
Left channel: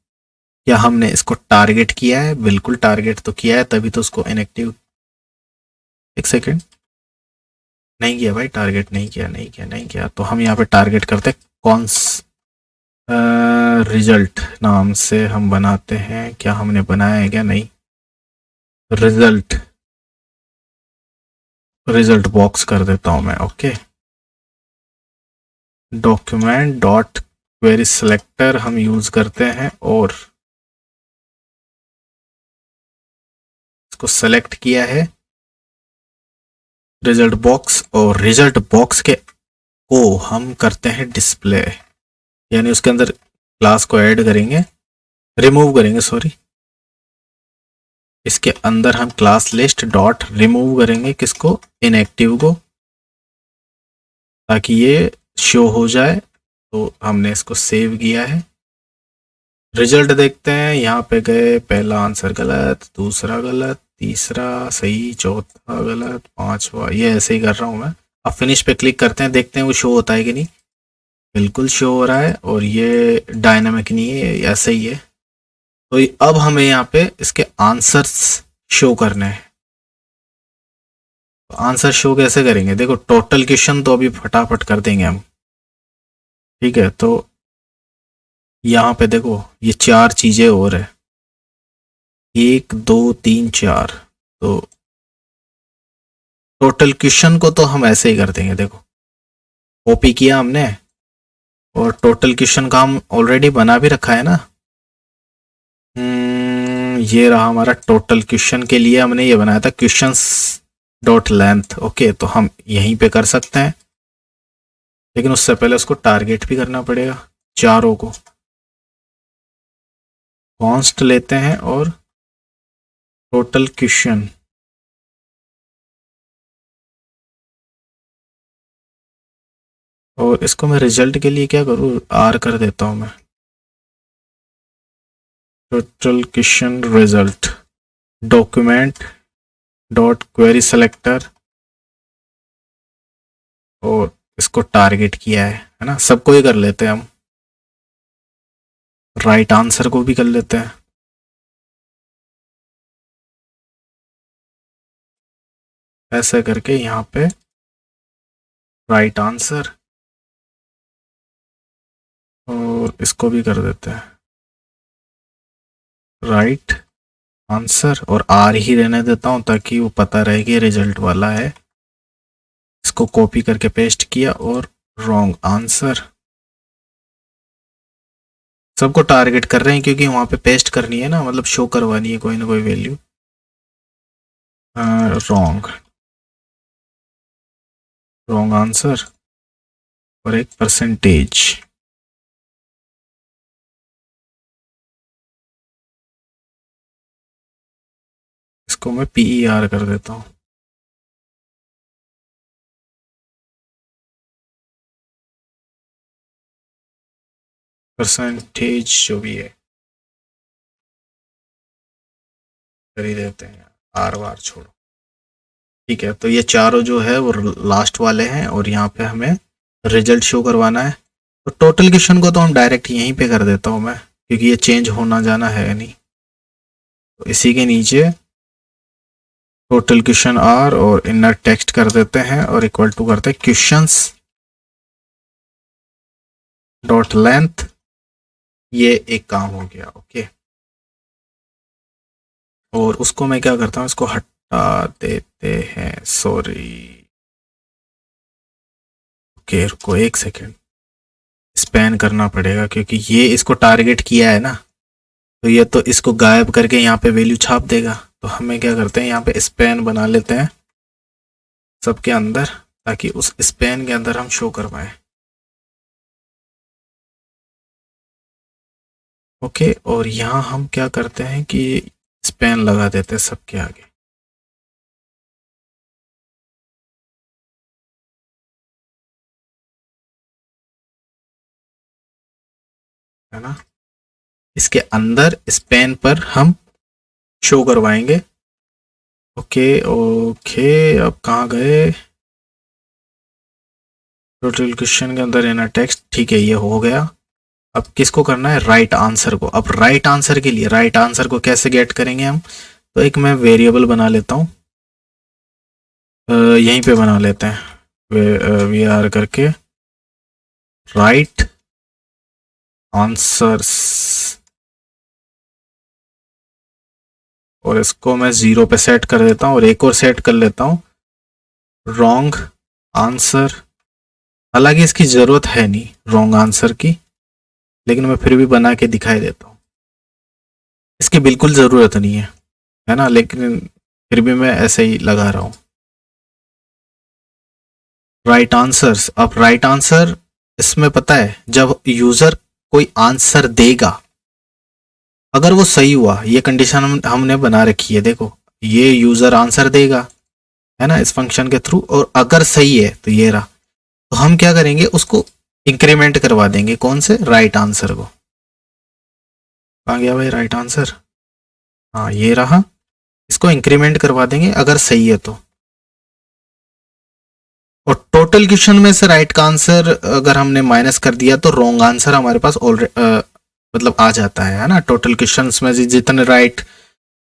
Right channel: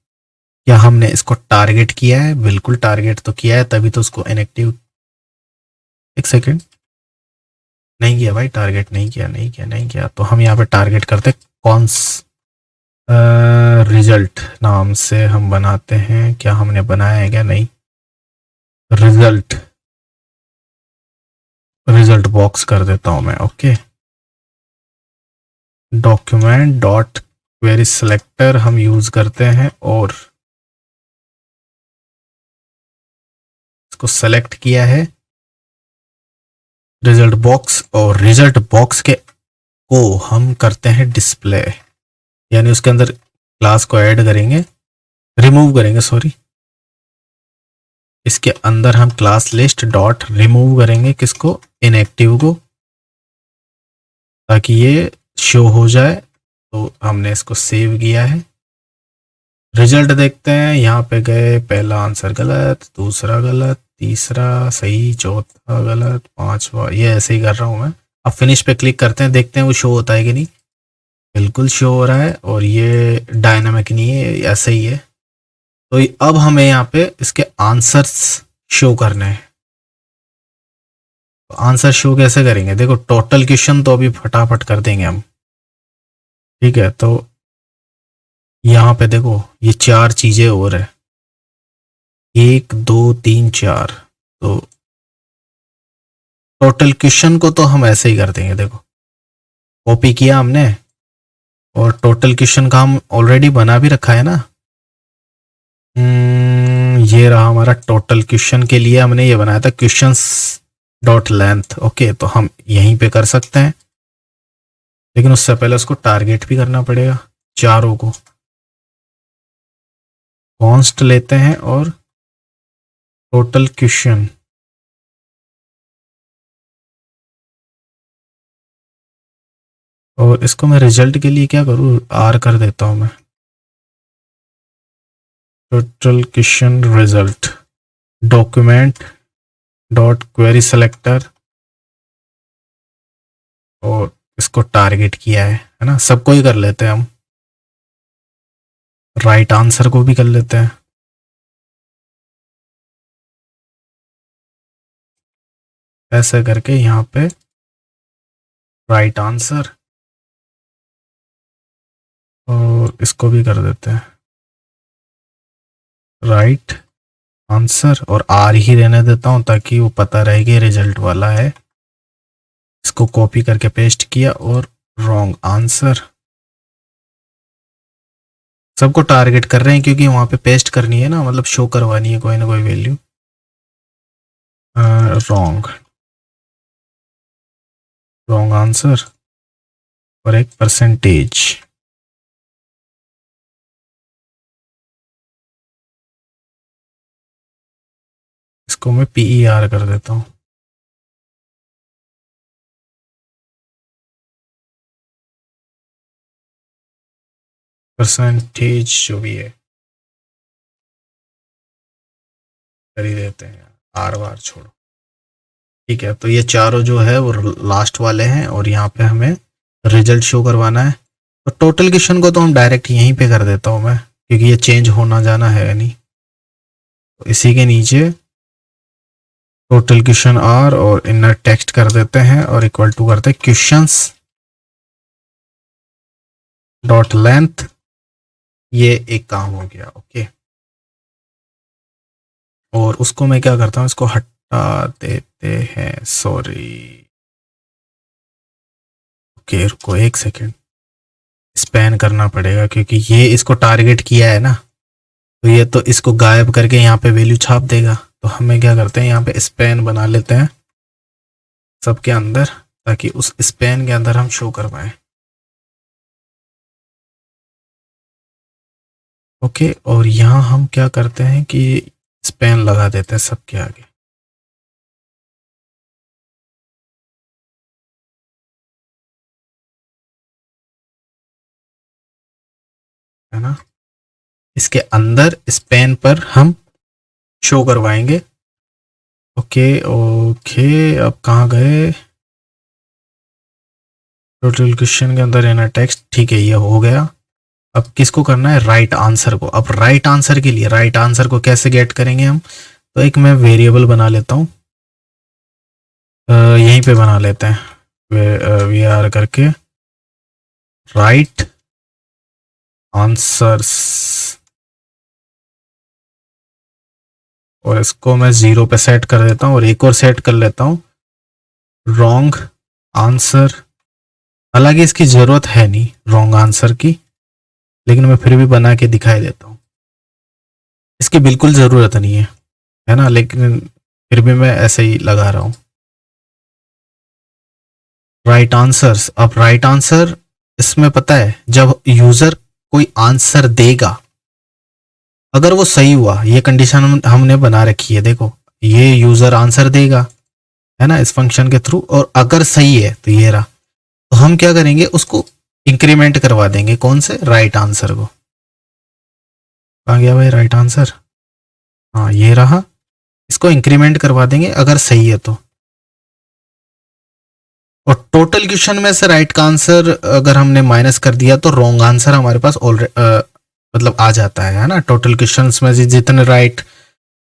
क्या हमने इसको टारगेट किया है? बिल्कुल टारगेट तो किया है, तभी तो उसको इनएक्टिव, एक सेकेंड, नहीं किया भाई, टारगेट नहीं किया। तो हम यहाँ पे टारगेट करते कौन रिजल्ट नाम से हम बनाते हैं, क्या हमने बनाया है क्या? नहीं, रिजल्ट बॉक्स कर देता हूं मैं। Okay, document dot query selector हम यूज करते हैं, और इसको सेलेक्ट किया है रिजल्ट बॉक्स, और रिजल्ट बॉक्स के को हम करते हैं डिस्प्ले, यानी उसके अंदर क्लास को ऐड करेंगे, रिमूव करेंगे, सॉरी, इसके अंदर हम क्लास लिस्ट डॉट रिमूव करेंगे, किसको? इनएक्टिव को, ताकि ये शो हो जाए। तो हमने इसको सेव किया है। रिजल्ट देखते हैं, यहाँ पे गए, पहला आंसर गलत, दूसरा गलत, तीसरा सही, चौथा गलत, पांचवा, ये ऐसे ही कर रहा हूँ मैं, अब फिनिश पे क्लिक करते हैं, देखते हैं वो शो होता है कि नहीं। बिल्कुल शो हो रहा है, और ये डायनामिक नहीं है, ऐसे ही है। तो अब हमें यहाँ पे इसके आंसर्स शो करने हैं। तो आंसर शो कैसे करेंगे, देखो टोटल क्वेश्चन तो अभी फटाफट कर देंगे हम। ठीक है, तो यहाँ पे देखो ये 4 चीज़ें और है, 1 2 3 4। तो टोटल क्वेश्चन को तो हम ऐसे ही कर देंगे, देखो कॉपी किया हमने, और टोटल क्वेश्चन का हम ऑलरेडी बना भी रखा है ना। ये रहा हमारा टोटल क्वेश्चन के लिए हमने ये बनाया था, क्वेश्चंस डॉट लेंथ। ओके, तो हम यहीं पे कर सकते हैं, लेकिन उससे पहले उसको टारगेट भी करना पड़ेगा चारों को। कॉन्स्ट लेते हैं और टोटल क्वेश्चन, और इसको मैं रिजल्ट के लिए क्या करूँ, आर कर देता हूँ मैं। Total question result document dot query selector, और इसको टारगेट किया है ना। सबको ही कर लेते हैं हम, राइट आंसर को भी कर लेते हैं। ऐसे करके यहाँ पे राइट आंसर, और इसको भी कर देते हैं राइट आंसर, और आर ही रहने देता हूँ ताकि वो पता रहे कि रिजल्ट वाला है। इसको कॉपी करके पेस्ट किया, और रॉन्ग आंसर। सबको टारगेट कर रहे हैं क्योंकि वहाँ पे पेस्ट करनी है ना, मतलब शो करवानी है कोई ना कोई वैल्यू। रॉन्ग, रॉन्ग आंसर, और एक परसेंटेज। इसको मैं PER कर देता हूँ। परसेंटेज जो भी है कर ही देते हैं, आर बार छोड़ो। ठीक है, तो ये चारों जो है वो लास्ट वाले हैं, और यहाँ पे हमें रिजल्ट शो करवाना है। तो टोटल क्वेश्चन को तो हम डायरेक्ट यहीं पे कर देता हूँ मैं, क्योंकि ये चेंज होना जाना है नहीं। तो इसी के नीचे टोटल क्वेश्चन आर, और इनर टेक्स्ट कर देते हैं, और इक्वल टू करते हैं क्वेश्चंस डॉट लेंथ। ये एक काम हो गया। ओके, और उसको मैं क्या करता हूँ, इसको हटा देते हैं, सॉरी। ओके, रुको एक सेकेंड, स्पैन करना पड़ेगा क्योंकि ये इसको टारगेट किया है ना, तो ये तो इसको गायब करके यहाँ पे वैल्यू छाप देगा। तो हमें क्या करते हैं, यहाँ पे स्पैन बना लेते हैं सबके अंदर, ताकि उस स्पैन के अंदर हम शो कर पाए। ओके, और यहाँ हम क्या करते हैं कि स्पैन लगा देते हैं सबके आगे, है ना। इसके अंदर स्पैन पर हम शो करवाएंगे। ओके ओके, अब कहाँ गए, टोटल क्वेश्चन के अंदर इनर टेक्स्ट। ठीक है, ये हो गया। अब किसको करना है, राइट आंसर को। अब राइट आंसर के लिए राइट आंसर को कैसे गेट करेंगे हम, तो एक मैं वेरिएबल बना लेता हूँ, यहीं पे बना लेते हैं, वी आर करके राइट आंसर्स, और इसको मैं 0 पे सेट कर देता हूँ, और एक और सेट कर लेता हूँ रॉन्ग आंसर। हालांकि इसकी ज़रूरत है नहीं रॉन्ग आंसर की, लेकिन मैं फिर भी बना के दिखाई देता हूँ। इसकी बिल्कुल ज़रूरत नहीं है ना, लेकिन फिर भी मैं ऐसे ही लगा रहा हूँ राइट आंसर्स। अब राइट आंसर इसमें पता है, जब यूज़र कोई आंसर देगा, अगर वो सही हुआ, ये कंडीशन हमने बना रखी है, देखो ये यूज़र आंसर देगा, है ना, इस फंक्शन के थ्रू, और अगर सही है तो ये रहा। तो हम क्या करेंगे, उसको इंक्रीमेंट करवा देंगे, कौन से, राइट आंसर को। कहाँ गया भाई राइट आंसर, हाँ ये रहा। इसको इंक्रीमेंट करवा देंगे अगर सही है तो। और टोटल क्वेश्चन में से राइट का आंसर अगर हमने माइनस कर दिया तो रॉन्ग आंसर हमारे पास ऑलरेडी मतलब आ जाता है ना। टोटल क्वेश्चंस में से जितने राइट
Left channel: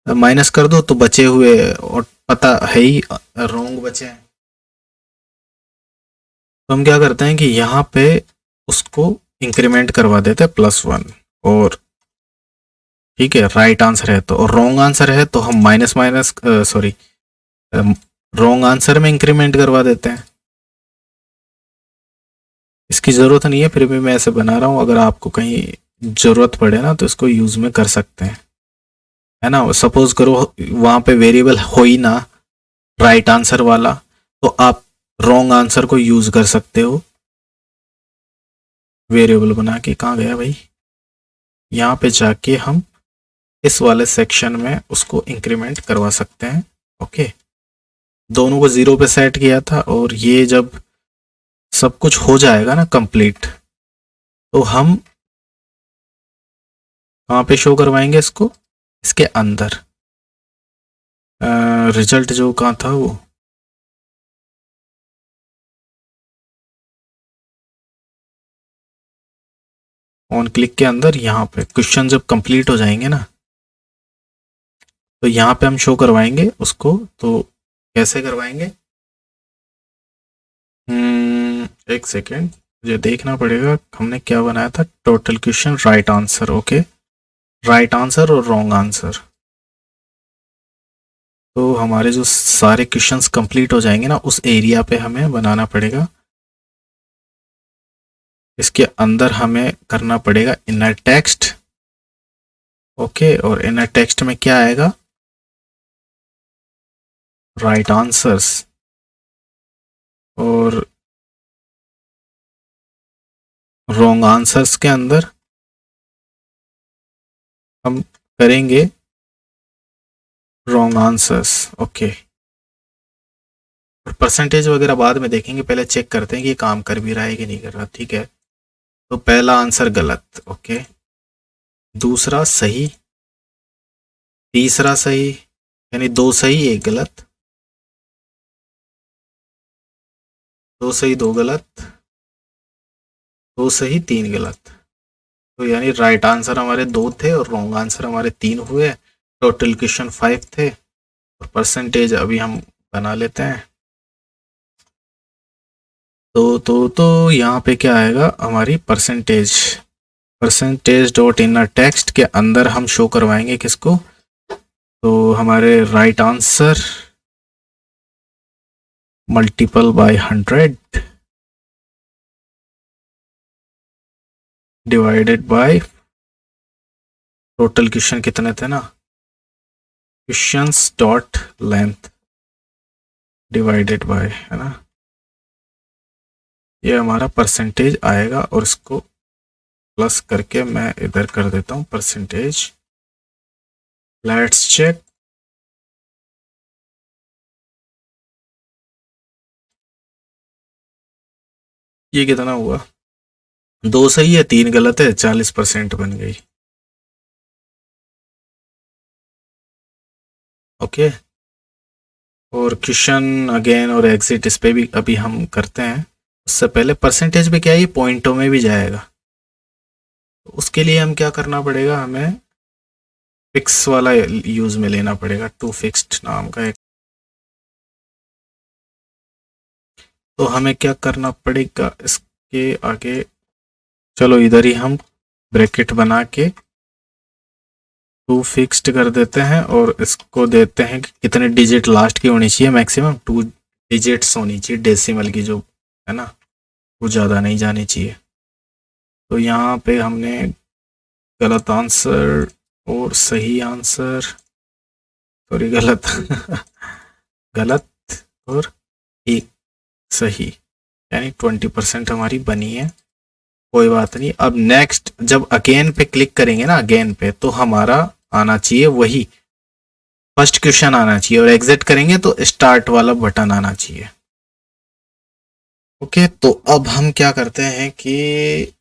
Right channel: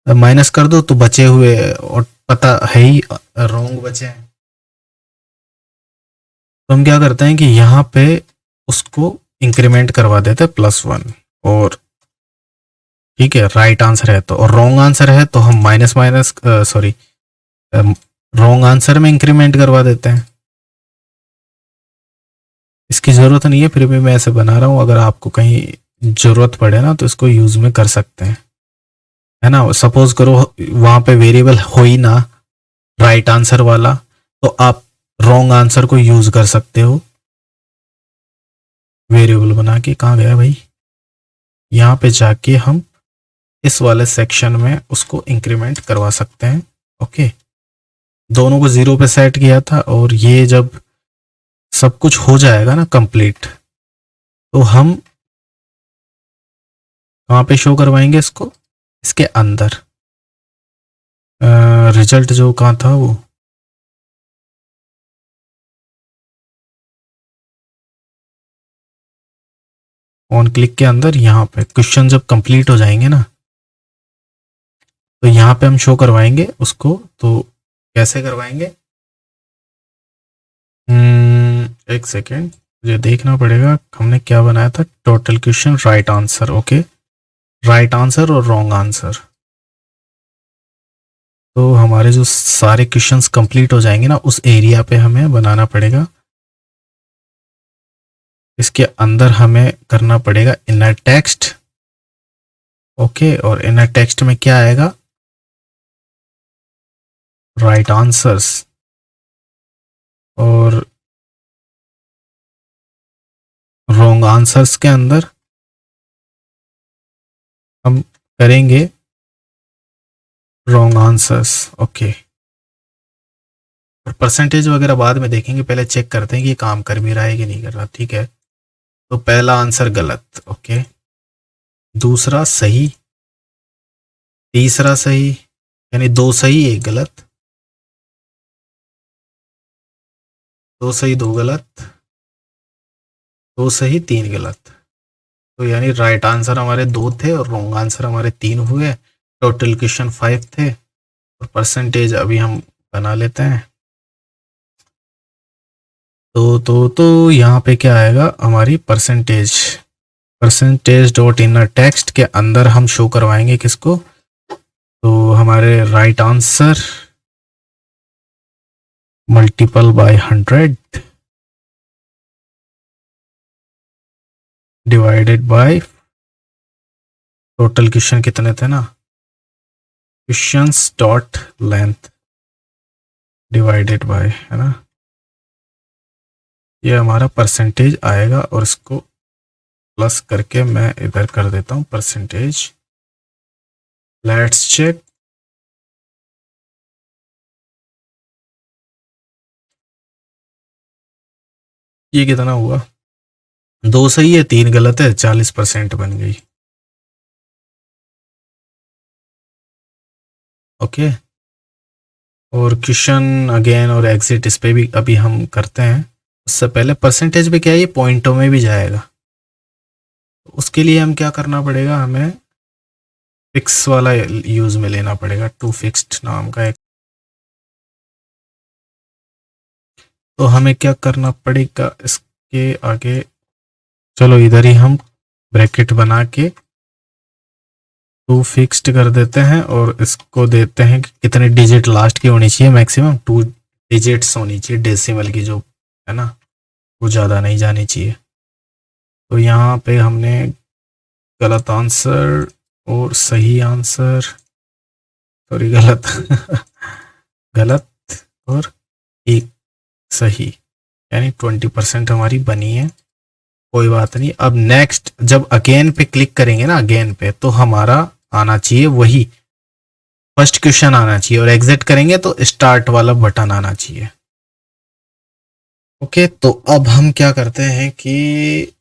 माइनस कर दो तो बचे हुए और पता है ही रॉन्ग बचे हैं। तो हम क्या करते हैं कि यहाँ पे उसको इंक्रीमेंट करवा देते हैं +1 और ठीक है राइट आंसर है तो, और रॉन्ग आंसर है तो हम minus minus sorry wrong answer में इंक्रीमेंट करवा देते हैं। इसकी ज़रूरत नहीं है, फिर भी मैं ऐसे बना रहा हूँ, अगर आपको कहीं ज़रूरत पड़े ना तो इसको यूज़ में कर सकते हैं, है ना। सपोज करो वहाँ पे वेरिएबल हो ही ना राइट आंसर वाला, तो आप रॉन्ग आंसर को यूज़ कर सकते हो वेरिएबल बना के। कहाँ गया भाई, यहाँ पे जाके हम इस वाले सेक्शन में उसको इंक्रीमेंट करवा सकते हैं। ओके, दोनों को 0 पे सेट किया था, और ये जब सब कुछ हो जाएगा ना कंप्लीट, तो हम कहाँ पे शो करवाएंगे इसको, इसके अंदर रिजल्ट जो कहाँ था वो, ऑन क्लिक के अंदर यहाँ पे क्वेश्चन जब कंप्लीट हो जाएंगे ना तो यहाँ पे हम शो करवाएंगे उसको। तो कैसे करवाएंगे, एक सेकेंड मुझे देखना पड़ेगा हमने क्या बनाया था। Total question right answer, okay, right answer और रॉन्ग आंसर। तो हमारे जो सारे क्वेश्चंस कंप्लीट हो जाएंगे ना उस एरिया पे हमें बनाना पड़ेगा। इसके अंदर हमें करना पड़ेगा इनर टेक्स्ट, ओके, और इनर टेक्स्ट में क्या आएगा, राइट आंसर्स, और रॉन्ग आंसर्स के अंदर हम करेंगे रॉन्ग आंसर्स, ओके। और परसेंटेज वगैरह बाद में देखेंगे, पहले चेक करते हैं कि ये काम कर भी रहा है कि नहीं कर रहा। ठीक है, तो पहला आंसर गलत, ओके, दूसरा सही, तीसरा सही, यानी 2 सही 1 गलत, 2 सही 2 गलत, 2 सही 3 गलत। तो यानी राइट आंसर हमारे 2 थे और रॉन्ग आंसर हमारे 3 हुए। टोटल क्वेश्चन 5 थे, और परसेंटेज अभी हम बना लेते हैं। तो यहाँ पे क्या आएगा हमारी percentage, percentage dot inner text के अंदर हम शो करवाएंगे किसको, तो हमारे right answer multiple bye 100 divided by total question कितने थे ना, questions dot length divided by, है ना, ये हमारा परसेंटेज आएगा। और इसको प्लस करके मैं इधर कर देता हूँ परसेंटेज। लेट्स चेक, ये कितना हुआ, 2 सही है 3 गलत है, 40% बन गई। ओके, और क्वेश्चन अगेन और एग्जिट इस पे भी अभी हम करते हैं। उससे पहले परसेंटेज पे क्या है, ये पॉइंटों में भी जाएगा। उसके लिए हम क्या करना पड़ेगा, हमें फिक्स वाला यूज में लेना पड़ेगा, टू फिक्स्ड नाम का एक। तो हमें क्या करना पड़ेगा इसके आगे, चलो इधर ही हम ब्रैकेट बना के टू फिक्स्ड कर देते हैं, और इसको देते हैं कि कितने डिजिट लास्ट की होनी चाहिए, मैक्सिमम 2 डिजिट्स होनी चाहिए डेसिमल की, जो है ना वो ज़्यादा नहीं जानी चाहिए। तो यहाँ पे हमने गलत आंसर और सही आंसर, सॉरी गलत गलत और एक सही, यानी 20% हमारी बनी है। कोई बात नहीं, अब नेक्स्ट जब अगेन पे क्लिक करेंगे ना, अगेन पे, तो हमारा आना चाहिए वही फर्स्ट क्वेश्चन आना चाहिए, और एग्जिट करेंगे तो स्टार्ट वाला बटन आना चाहिए। ओके, तो अब हम क्या करते हैं कि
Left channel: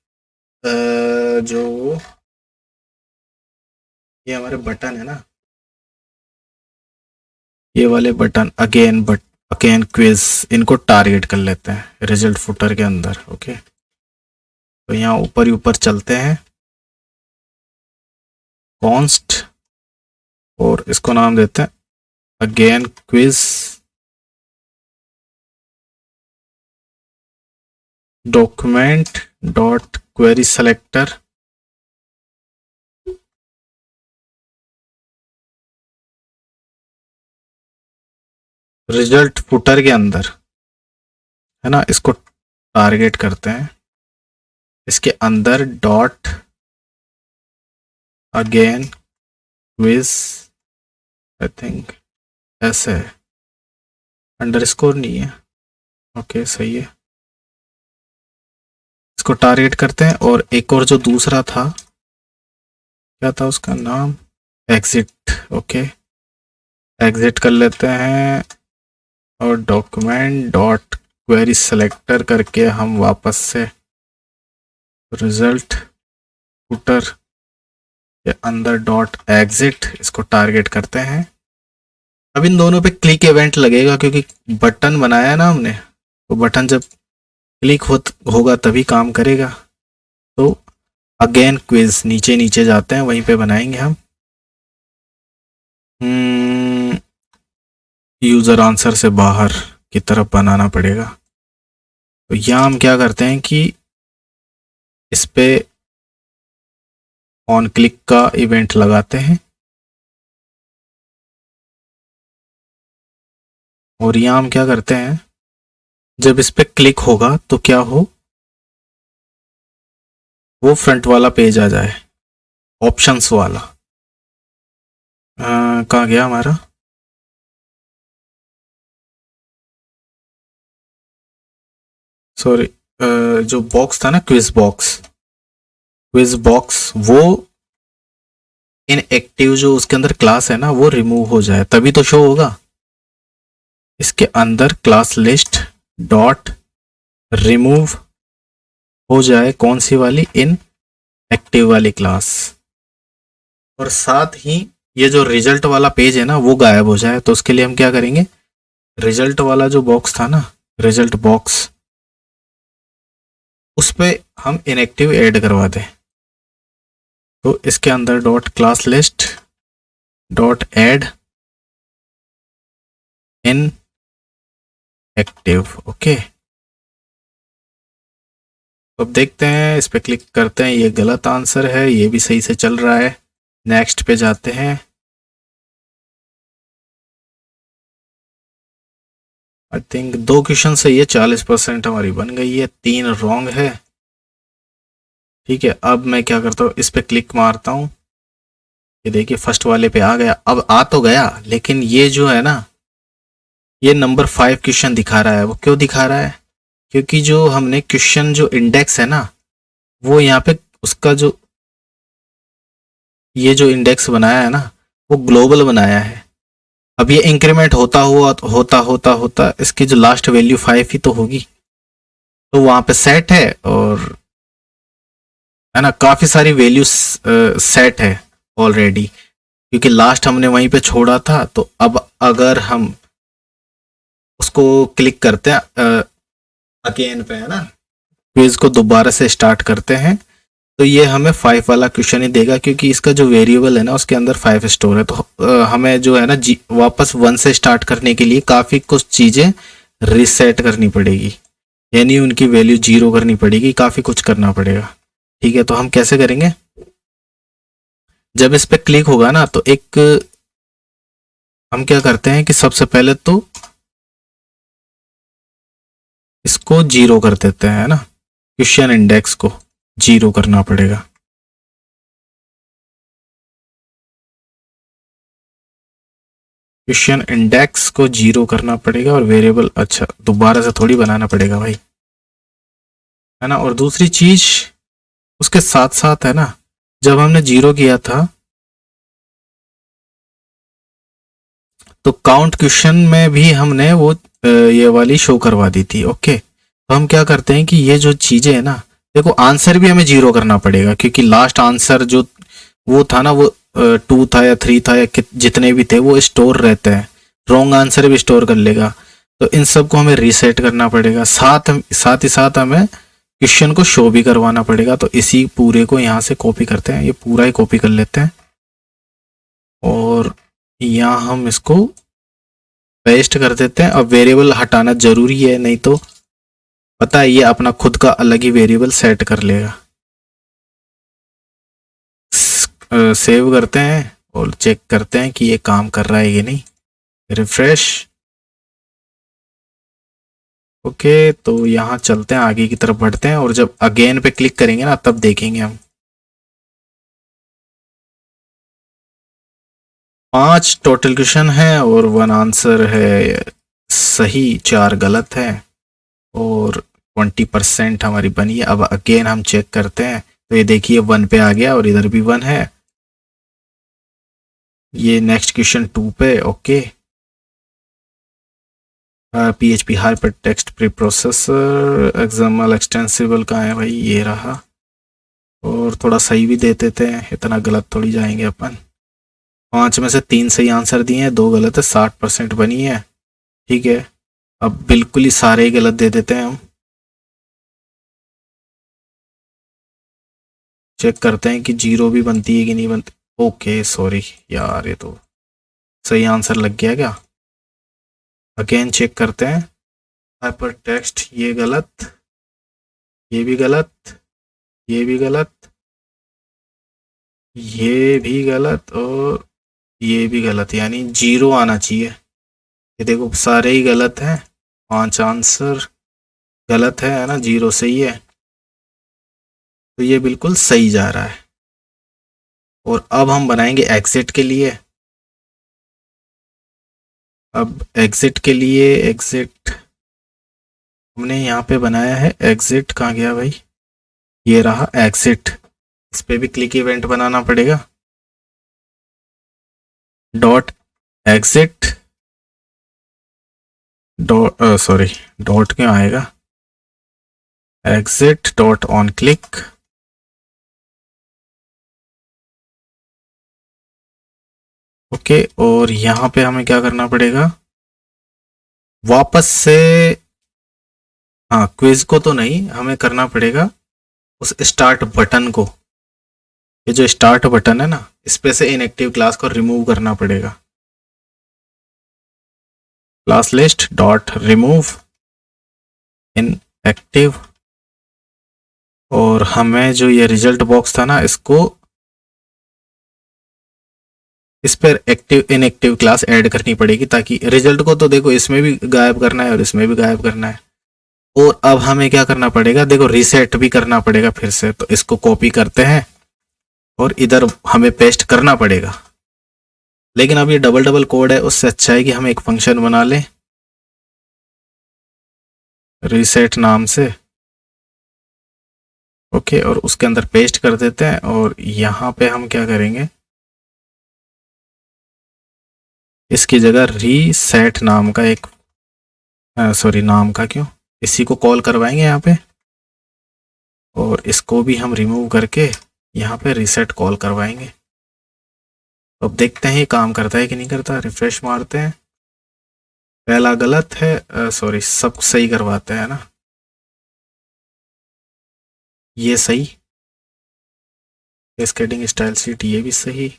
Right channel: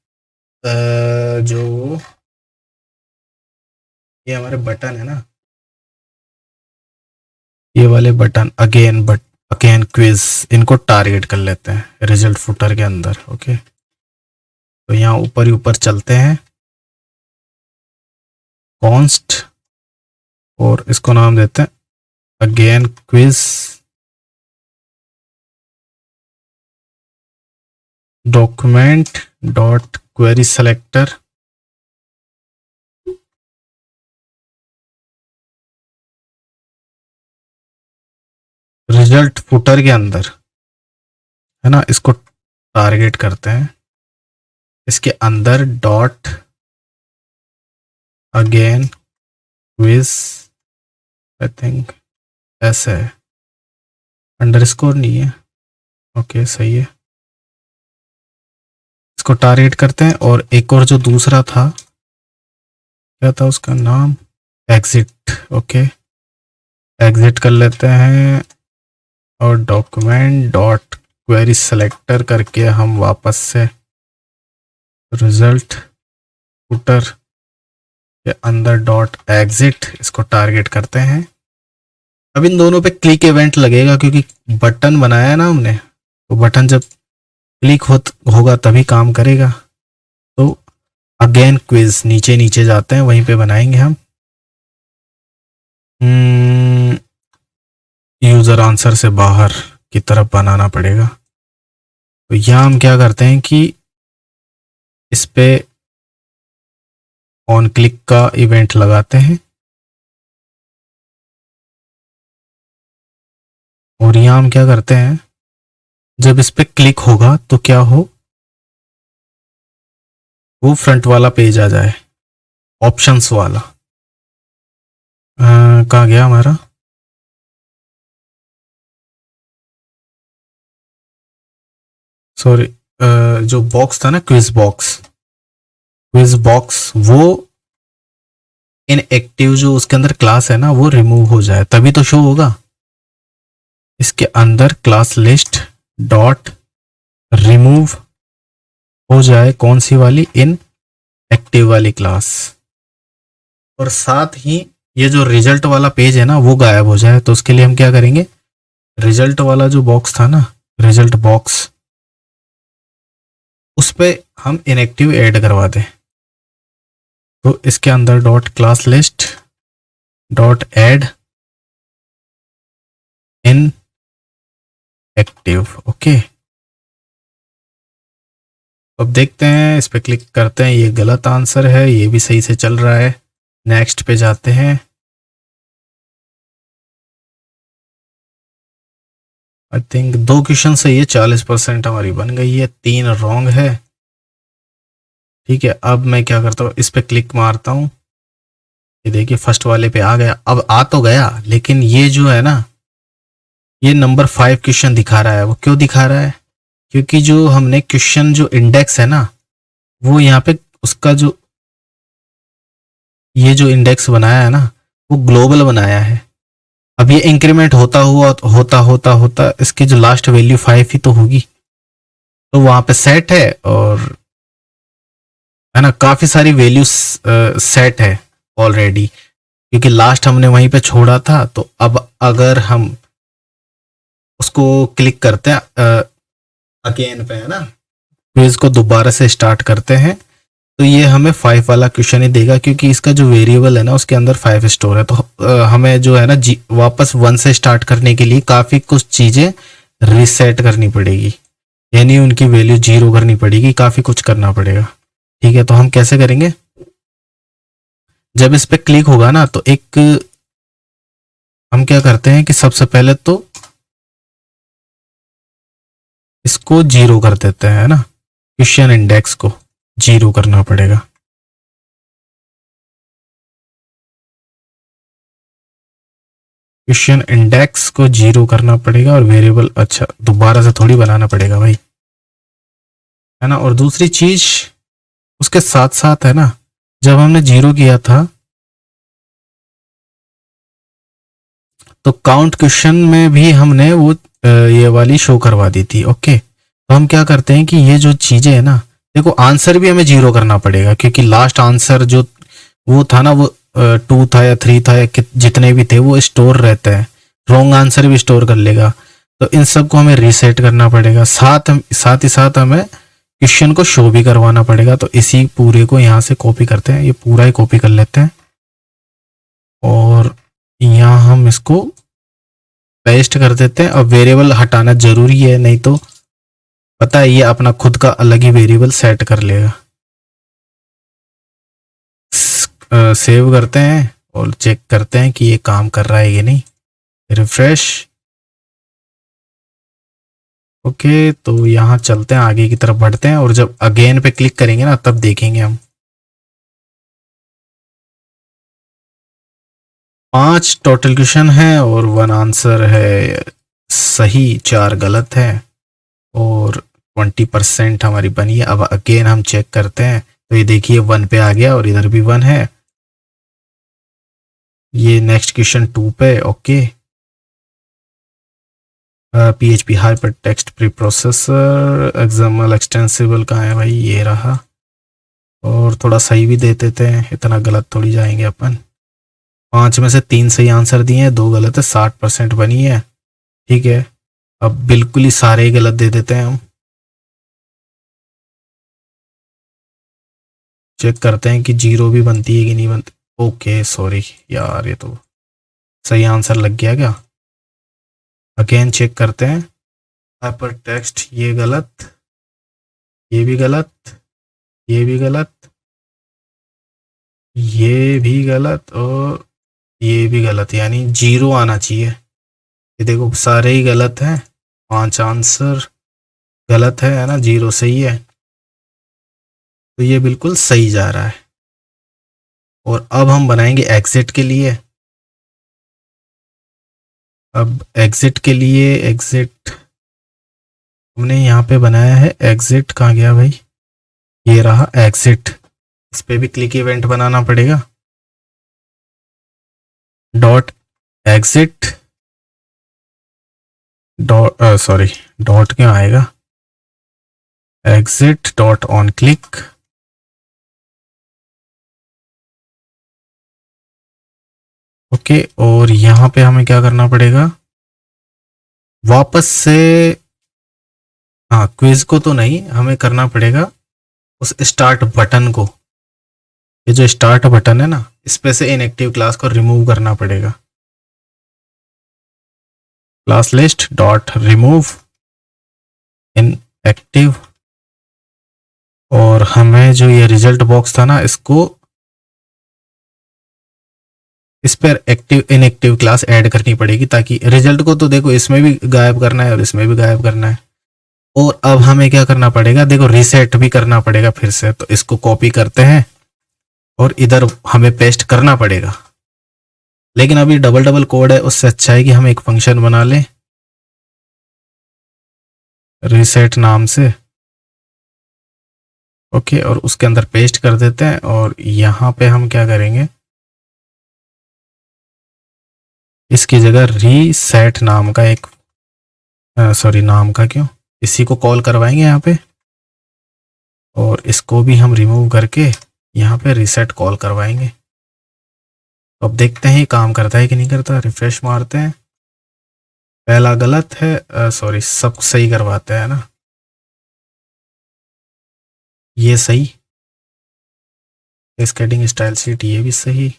जो ये हमारे बटन है ना, ये वाले बटन अगेन अगेन क्विज, इनको टारगेट कर लेते हैं रिजल्ट फुटर के अंदर। ओके, तो यहाँ ऊपर ही ऊपर चलते हैं, कॉन्स्ट, और इसको नाम देते हैं again quiz document dot query selector. Result footer के अंदर है ना, इसको टारगेट करते हैं, इसके अंदर dot again quiz, I think ऐसे है, अंडरस्कोर नहीं है। ओके सही है, इसको टारगेट करते हैं। और एक और जो दूसरा था, क्या था उसका नाम, एग्जिट। ओके, एग्जिट कर लेते हैं और डॉक्यूमेंट डॉट क्वेरी सेलेक्टर करके हम वापस से रिजल्ट फुटर के अंदर डॉट एग्जिट, इसको टारगेट करते हैं। अब इन दोनों पे क्लिक इवेंट लगेगा क्योंकि बटन बनाया ना हमने, तो बटन जब क्लिक होगा तभी काम करेगा। तो अगेन क्विज नीचे नीचे जाते हैं, वहीं पे बनाएंगे हम। यूज़र आंसर से बाहर की तरफ बनाना पड़ेगा। तो यहाँ हम क्या करते हैं कि इस पे ऑन क्लिक का इवेंट लगाते हैं, और यहाँ हम क्या करते हैं, जब इस पे क्लिक होगा तो क्या हो, वो फ्रंट वाला पेज आ जाए, ऑप्शंस वाला। कहाँ गया हमारा, सॉरी, जो बॉक्स था ना, क्विज बॉक्स, वो इनएक्टिव जो उसके अंदर क्लास है ना, वो रिमूव हो जाए तभी तो शो होगा। इसके अंदर क्लास लिस्ट डॉट रिमूव हो जाए, कौन सी वाली, इन एक्टिव वाली क्लास, और साथ ही ये जो रिजल्ट वाला पेज है ना वो गायब हो जाए। तो उसके लिए हम क्या करेंगे, रिजल्ट वाला जो बॉक्स था ना, रिजल्ट बॉक्स, उस पे हम इनएक्टिव ऐड करवा दें। तो इसके अंदर dot class list dot add in active. Okay, अब देखते हैं, इस पे क्लिक करते हैं, ये गलत आंसर है, ये भी सही से चल रहा है। नेक्स्ट पे जाते हैं, आई थिंक 2 क्वेश्चन से ये 40% हमारी बन गई है, 3 रॉन्ग है। ठीक है, अब मैं क्या करता हूँ, इस पे क्लिक मारता हूँ, ये देखिए फर्स्ट वाले पे आ गया। अब आ तो गया, लेकिन ये जो है ना, ये नंबर 5 क्वेश्चन दिखा रहा है। वो क्यों दिखा रहा है, क्योंकि जो हमने क्वेश्चन जो इंडेक्स है ना, वो यहाँ पे उसका जो ये जो इंडेक्स बनाया है ना, वो ग्लोबल बनाया है। अब ये इंक्रीमेंट होता हुआ होता इसकी जो लास्ट वैल्यू 5 ही तो होगी, तो वहाँ पे सेट है, और है ना, काफ़ी सारी वैल्यूज सेट है ऑलरेडी, क्योंकि लास्ट हमने वहीं पे छोड़ा था। तो अब अगर हम उसको क्लिक करते हैं अगेन पे, है ना, क्विज को दोबारा से स्टार्ट करते हैं, तो ये हमें 5 वाला क्वेश्चन ही देगा, क्योंकि इसका जो वेरिएबल है ना उसके अंदर 5 स्टोर है। तो हमें जो है ना वापस 1 से स्टार्ट करने के लिए काफ़ी कुछ चीज़ें रिसेट करनी पड़ेगी, यानी उनकी वैल्यू 0 करनी पड़ेगी, काफ़ी कुछ करना पड़ेगा। ठीक है, तो हम कैसे करेंगे, जब इस पे क्लिक होगा ना, तो एक हम क्या करते हैं कि सबसे पहले तो इसको 0 कर देते हैं, है ना, क्वेश्चन इंडेक्स को 0 करना पड़ेगा। क्वेश्चन इंडेक्स को 0 करना पड़ेगा, और वेरिएबल अच्छा दोबारा से थोड़ी बनाना पड़ेगा भाई, है ना। और दूसरी चीज उसके साथ साथ है ना, जब हमने 0 किया था तो काउंट क्वेश्चन में भी हमने वो ये वाली शो करवा दी थी। ओके, तो हम क्या करते हैं कि ये जो चीजें है ना, देखो आंसर भी हमें 0 करना पड़ेगा, क्योंकि लास्ट आंसर जो वो था ना, वो 2 था या 3 था या जितने भी थे वो स्टोर रहते हैं, रॉन्ग आंसर भी स्टोर कर लेगा। तो इन सब को हमें रीसेट करना पड़ेगा, साथ ही साथ हमें क्वेश्चन को शो भी करवाना पड़ेगा। तो इसी पूरे को यहाँ से कॉपी करते हैं, ये पूरा ही कॉपी कर लेते हैं और यहाँ हम इसको पेस्ट कर देते हैं। अब वेरिएबल हटाना जरूरी है, नहीं तो पता है ये अपना खुद का अलग ही वेरिएबल सेट कर लेगा। सेव करते हैं और चेक करते हैं कि ये काम कर रहा है कि नहीं। रिफ्रेश। ओके, तो यहाँ चलते हैं, आगे की तरफ बढ़ते हैं और जब अगेन पे क्लिक करेंगे ना तब देखेंगे हम 5 टोटल क्वेश्चन है और 1 आंसर है सही, 4 गलत है और 20% हमारी बनी है। अब अगेन हम चेक करते हैं तो ये देखिए 1 पे आ गया और इधर भी 1 है। ये नेक्स्ट क्वेश्चन 2 पे। Okay, PHP hyper text pre processor XML extensible कहाँ है भाई, ये रहा। और थोड़ा सही भी दे देते हैं, इतना गलत थोड़ी जाएंगे अपन। 5 में से 3 सही आंसर दिए हैं, 2 गलत है, 60% बनी है। ठीक है, अब बिल्कुल ही सारे ही गलत दे देते हैं हम। चेक करते हैं कि 0 भी बनती है कि नहीं बनती। ओके सॉरी यार, ये तो सही आंसर लग गया क्या। अगेन चेक करते हैं। हाइपर टेक्स्ट ये गलत, ये भी गलत, ये भी गलत, ये भी गलत और ये भी गलत, यानी 0 आना चाहिए। ये देखो सारे ही गलत हैं, 5 आंसर गलत है ना, 0 सही है। तो ये बिल्कुल सही जा रहा है। और अब हम बनाएंगे एग्जिट के लिए। अब एग्जिट के लिए, एग्जिट हमने यहाँ पे बनाया है। एग्जिट कहाँ गया भाई, ये रहा एग्जिट। इस पे भी क्लिक इवेंट बनाना पड़ेगा। Dot exit dot sorry dot क्यों आएगा, exit dot on click. Okay, और यहाँ पे हमें क्या करना पड़ेगा, वापस से, हाँ क्विज को तो नहीं, हमें करना पड़ेगा उस स्टार्ट बटन को। ये जो स्टार्ट बटन है ना, इस पे से इनएक्टिव क्लास को रिमूव करना पड़ेगा। Class list dot remove inactive. और हमें जो ये रिजल्ट बॉक्स था ना, इसको इस पर एक्टिव इनएक्टिव क्लास ऐड करनी पड़ेगी, ताकि रिजल्ट को तो देखो इसमें भी गायब करना है और इसमें भी गायब करना है। और अब हमें क्या करना पड़ेगा, देखो रीसेट भी करना पड़ेगा फिर से। तो इसको कॉपी करते हैं और इधर हमें पेस्ट करना पड़ेगा। लेकिन अब ये डबल डबल कोड है, उससे अच्छा है कि हम एक फंक्शन बना लें रीसेट नाम से। ओके, और उसके अंदर पेस्ट कर देते हैं। और यहाँ पे हम क्या करेंगे, इसकी जगह रीसेट नाम का एक, सॉरी नाम का क्यों, इसी को कॉल करवाएंगे यहाँ पे। और इसको भी हम रिमूव करके यहाँ पे रीसेट कॉल करवाएंगे। तो अब देखते हैं ये काम करता है कि नहीं करता। रिफ्रेश मारते हैं, पहला गलत है, सॉरी सब सही करवाते हैं ना, ये सही। स्केडिंग स्टाइल सीट ये भी सही।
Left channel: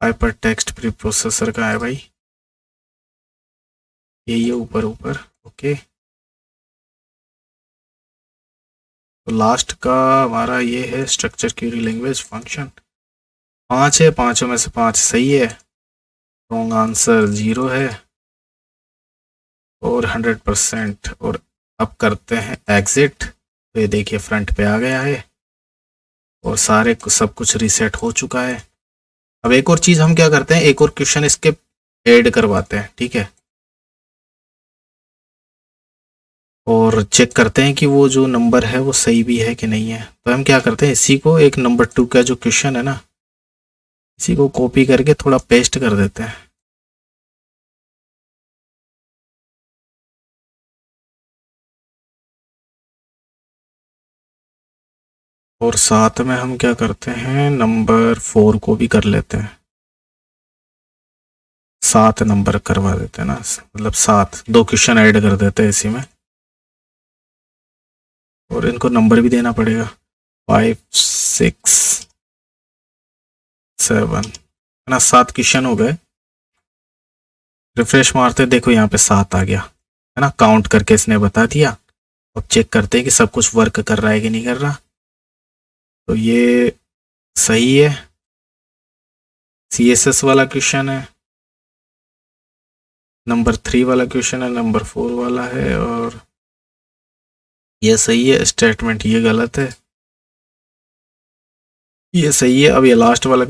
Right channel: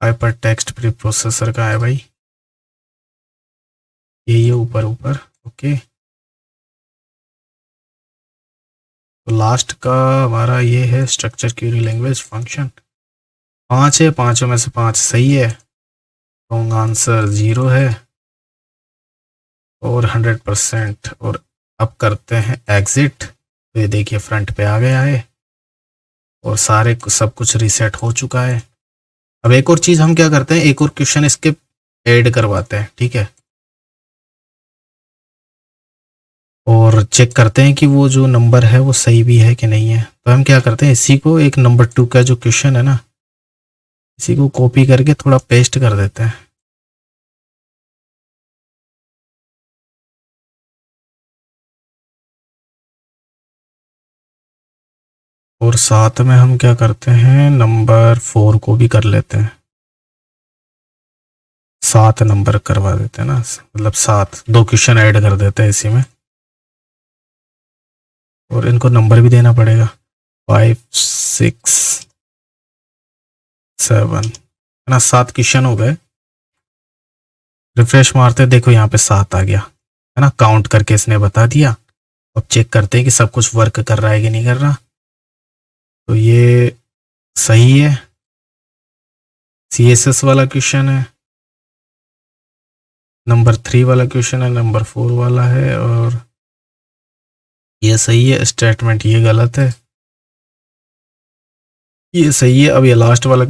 हाइपर टेक्स्ट प्री प्रोसेसर का है भाई, ये ऊपर ऊपर। ओके, तो लास्ट का हमारा ये है स्ट्रक्चर क्यूरी लैंग्वेज फंक्शन। 5 है, 5 में से 5 सही है। रॉन्ग आंसर 0 है और 100%। और अब करते हैं एग्जिट। तो ये देखिए फ्रंट पे आ गया है और सब कुछ रीसेट हो चुका है। अब एक और चीज़ हम क्या करते हैं, एक और क्वेश्चन इसके ऐड करवाते हैं, ठीक है। और चेक करते हैं कि वो जो नंबर है वो सही भी है कि नहीं है। तो हम क्या करते हैं, इसी को एक नंबर 2 का जो क्वेश्चन है ना, इसी को कॉपी करके थोड़ा पेस्ट कर देते हैं। और साथ में हम क्या करते हैं, नंबर 4 को भी कर लेते हैं। 7 नंबर करवा देते हैं ना, मतलब 7 2 क्वेश्चन ऐड कर देते हैं इसी में, और इनको नंबर भी देना पड़ेगा 5 6 7 है ना। 7 क्वेश्चन हो गए। रिफ्रेश मारते देखो यहाँ पे 7 आ गया है ना, काउंट करके इसने बता दिया। अब चेक करते हैं कि सब कुछ वर्क कर रहा है कि नहीं कर रहा। तो ये सही है, CSS वाला क्वेश्चन है, नंबर 3 वाला क्वेश्चन है, नंबर 4 वाला है, और ये सही है। स्टेटमेंट ये गलत है, ये सही है। अब ये लास्ट वाला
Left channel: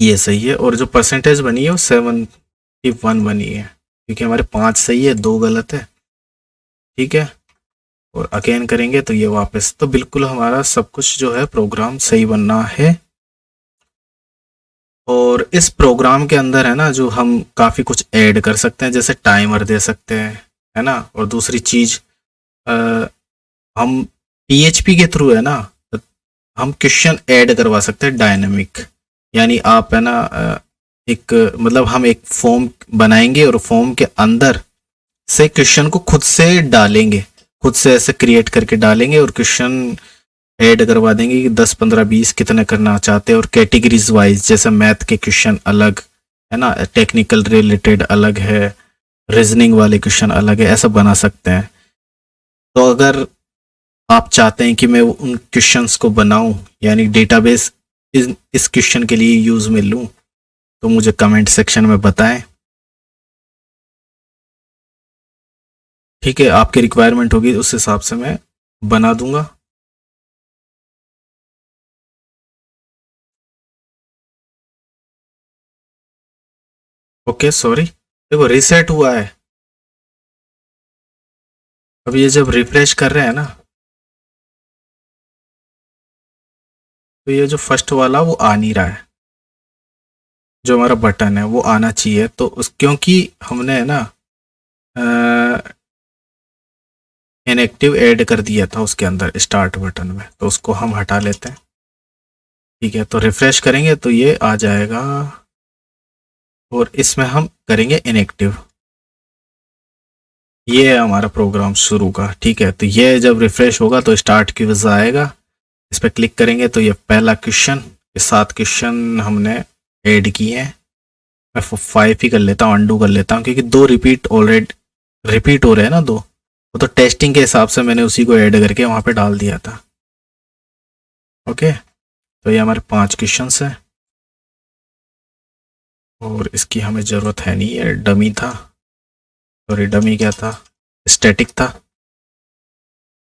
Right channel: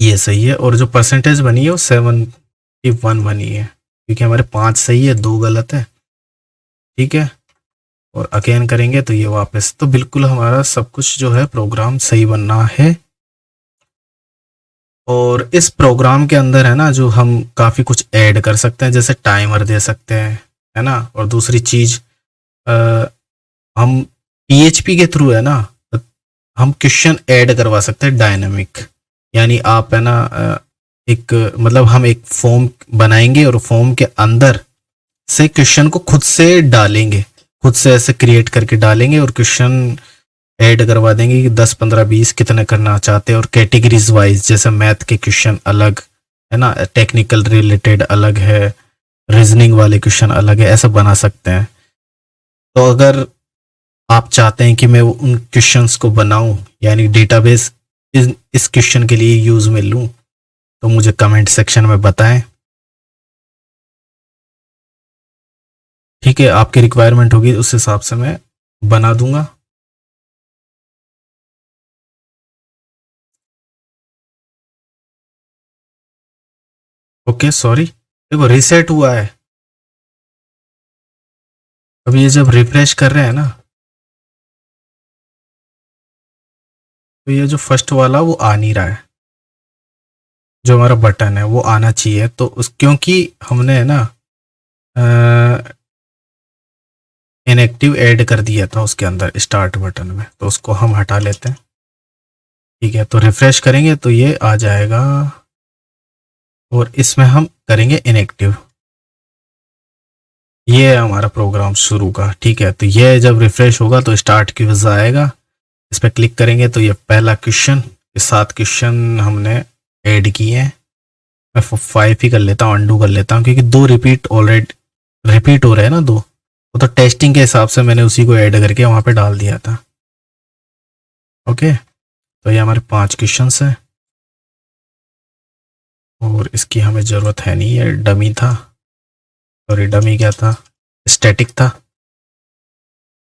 ये सही है, और जो परसेंटेज बनी है वो 71 बनी है, क्योंकि हमारे 5 सही है 2 गलत है। ठीक है, और अगेन करेंगे तो ये वापस, तो बिल्कुल हमारा सब कुछ जो है प्रोग्राम सही बनना है। और इस प्रोग्राम के अंदर है ना, जो हम काफ़ी कुछ ऐड कर सकते हैं, जैसे टाइमर दे सकते हैं है ना। और दूसरी चीज़ हम PHP के थ्रू है ना, हम क्वेश्चन ऐड करवा सकते हैं डायनामिक। यानी आप है ना एक मतलब हम एक फॉर्म बनाएंगे और फॉर्म के अंदर से क्वेश्चन को खुद से डालेंगे, खुद से ऐसे क्रिएट करके डालेंगे और क्वेश्चन ऐड करवा देंगे कि 10 15 20 कितने करना चाहते हैं। और कैटेगरीज वाइज, जैसे मैथ के क्वेश्चन अलग है ना, टेक्निकल रिलेटेड अलग है, रीजनिंग वाले क्वेश्चन अलग है, ऐसा बना सकते हैं। तो अगर आप चाहते हैं कि मैं उन क्वेश्चंस को बनाऊं, यानी डेटाबेस इस क्वेश्चन के लिए यूज़ में लूं, तो मुझे कमेंट सेक्शन में बताएं। ठीक है, आपकी रिक्वायरमेंट होगी उस हिसाब से मैं बना दूंगा। ओके सॉरी, देखो रीसेट हुआ है। अब ये जब रिफ्रेश कर रहे हैं ना, तो ये जो फर्स्ट वाला वो आ नहीं रहा है, जो हमारा बटन है वो आना चाहिए। तो उस क्योंकि हमने है ना इनएक्टिव ऐड कर दिया था उसके अंदर स्टार्ट बटन में, तो उसको हम हटा लेते हैं। ठीक है, तो रिफ्रेश करेंगे तो ये आ जाएगा, और इसमें हम करेंगे इनएक्टिव। ये है हमारा प्रोग्राम शुरू का। ठीक है, तो ये जब रिफ्रेश होगा तो स्टार्ट क्विज आएगा, इस पर क्लिक करेंगे तो ये पहला क्वेश्चन, ये 7 क्वेश्चन हमने ऐड किए हैं। मैं 5 ही कर लेता हूँ, अंडू कर लेता हूँ, क्योंकि 2 रिपीट ऑलरेडी रिपीट हो रहे हैं ना 2, वो तो टेस्टिंग के हिसाब से मैंने उसी को ऐड करके वहाँ पे डाल दिया था। ओके, तो ये हमारे 5 क्वेश्चन हैं, और इसकी हमें ज़रूरत है नहीं, है डमी था, सॉरी डमी क्या था, स्टैटिक था।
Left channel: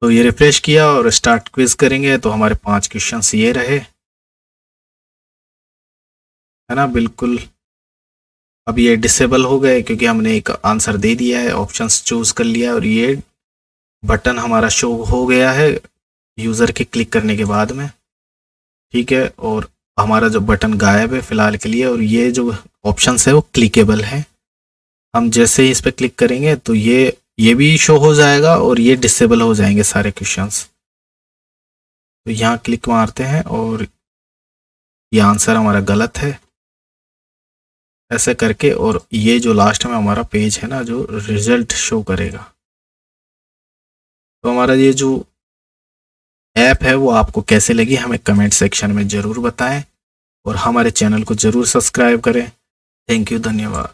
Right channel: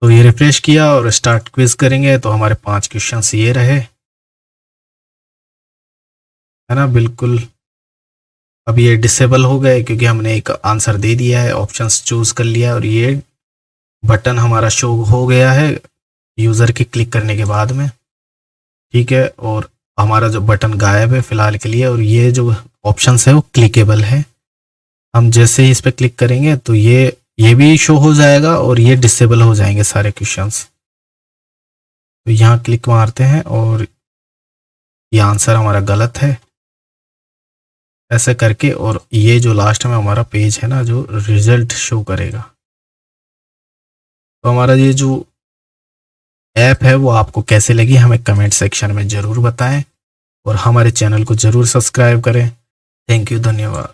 तो ये रिफ्रेश किया और स्टार्ट क्विज करेंगे तो हमारे 5 क्वेश्चंस ये रहे, है ना। बिल्कुल, अब ये डिसेबल हो गए क्योंकि हमने एक आंसर दे दिया है, ऑप्शंस चूज कर लिया, और ये बटन हमारा शो हो गया है यूज़र के क्लिक करने के बाद में। ठीक है, और हमारा जो बटन गायब है फ़िलहाल के लिए, और ये जो ऑप्शंस है वो क्लिकेबल है। हम जैसे ही इस पर क्लिक करेंगे तो ये भी शो हो जाएगा और ये डिसेबल हो जाएंगे सारे क्वेश्चंस। तो यहाँ क्लिक मारते हैं और ये आंसर हमारा गलत है, ऐसे करके। और ये जो लास्ट में हमारा पेज है ना, जो रिजल्ट शो करेगा। तो हमारा ये जो ऐप है वो आपको कैसे लगी हमें कमेंट सेक्शन में ज़रूर बताएं, और हमारे चैनल को ज़रूर सब्सक्राइब करें। थैंक यू, धन्यवाद।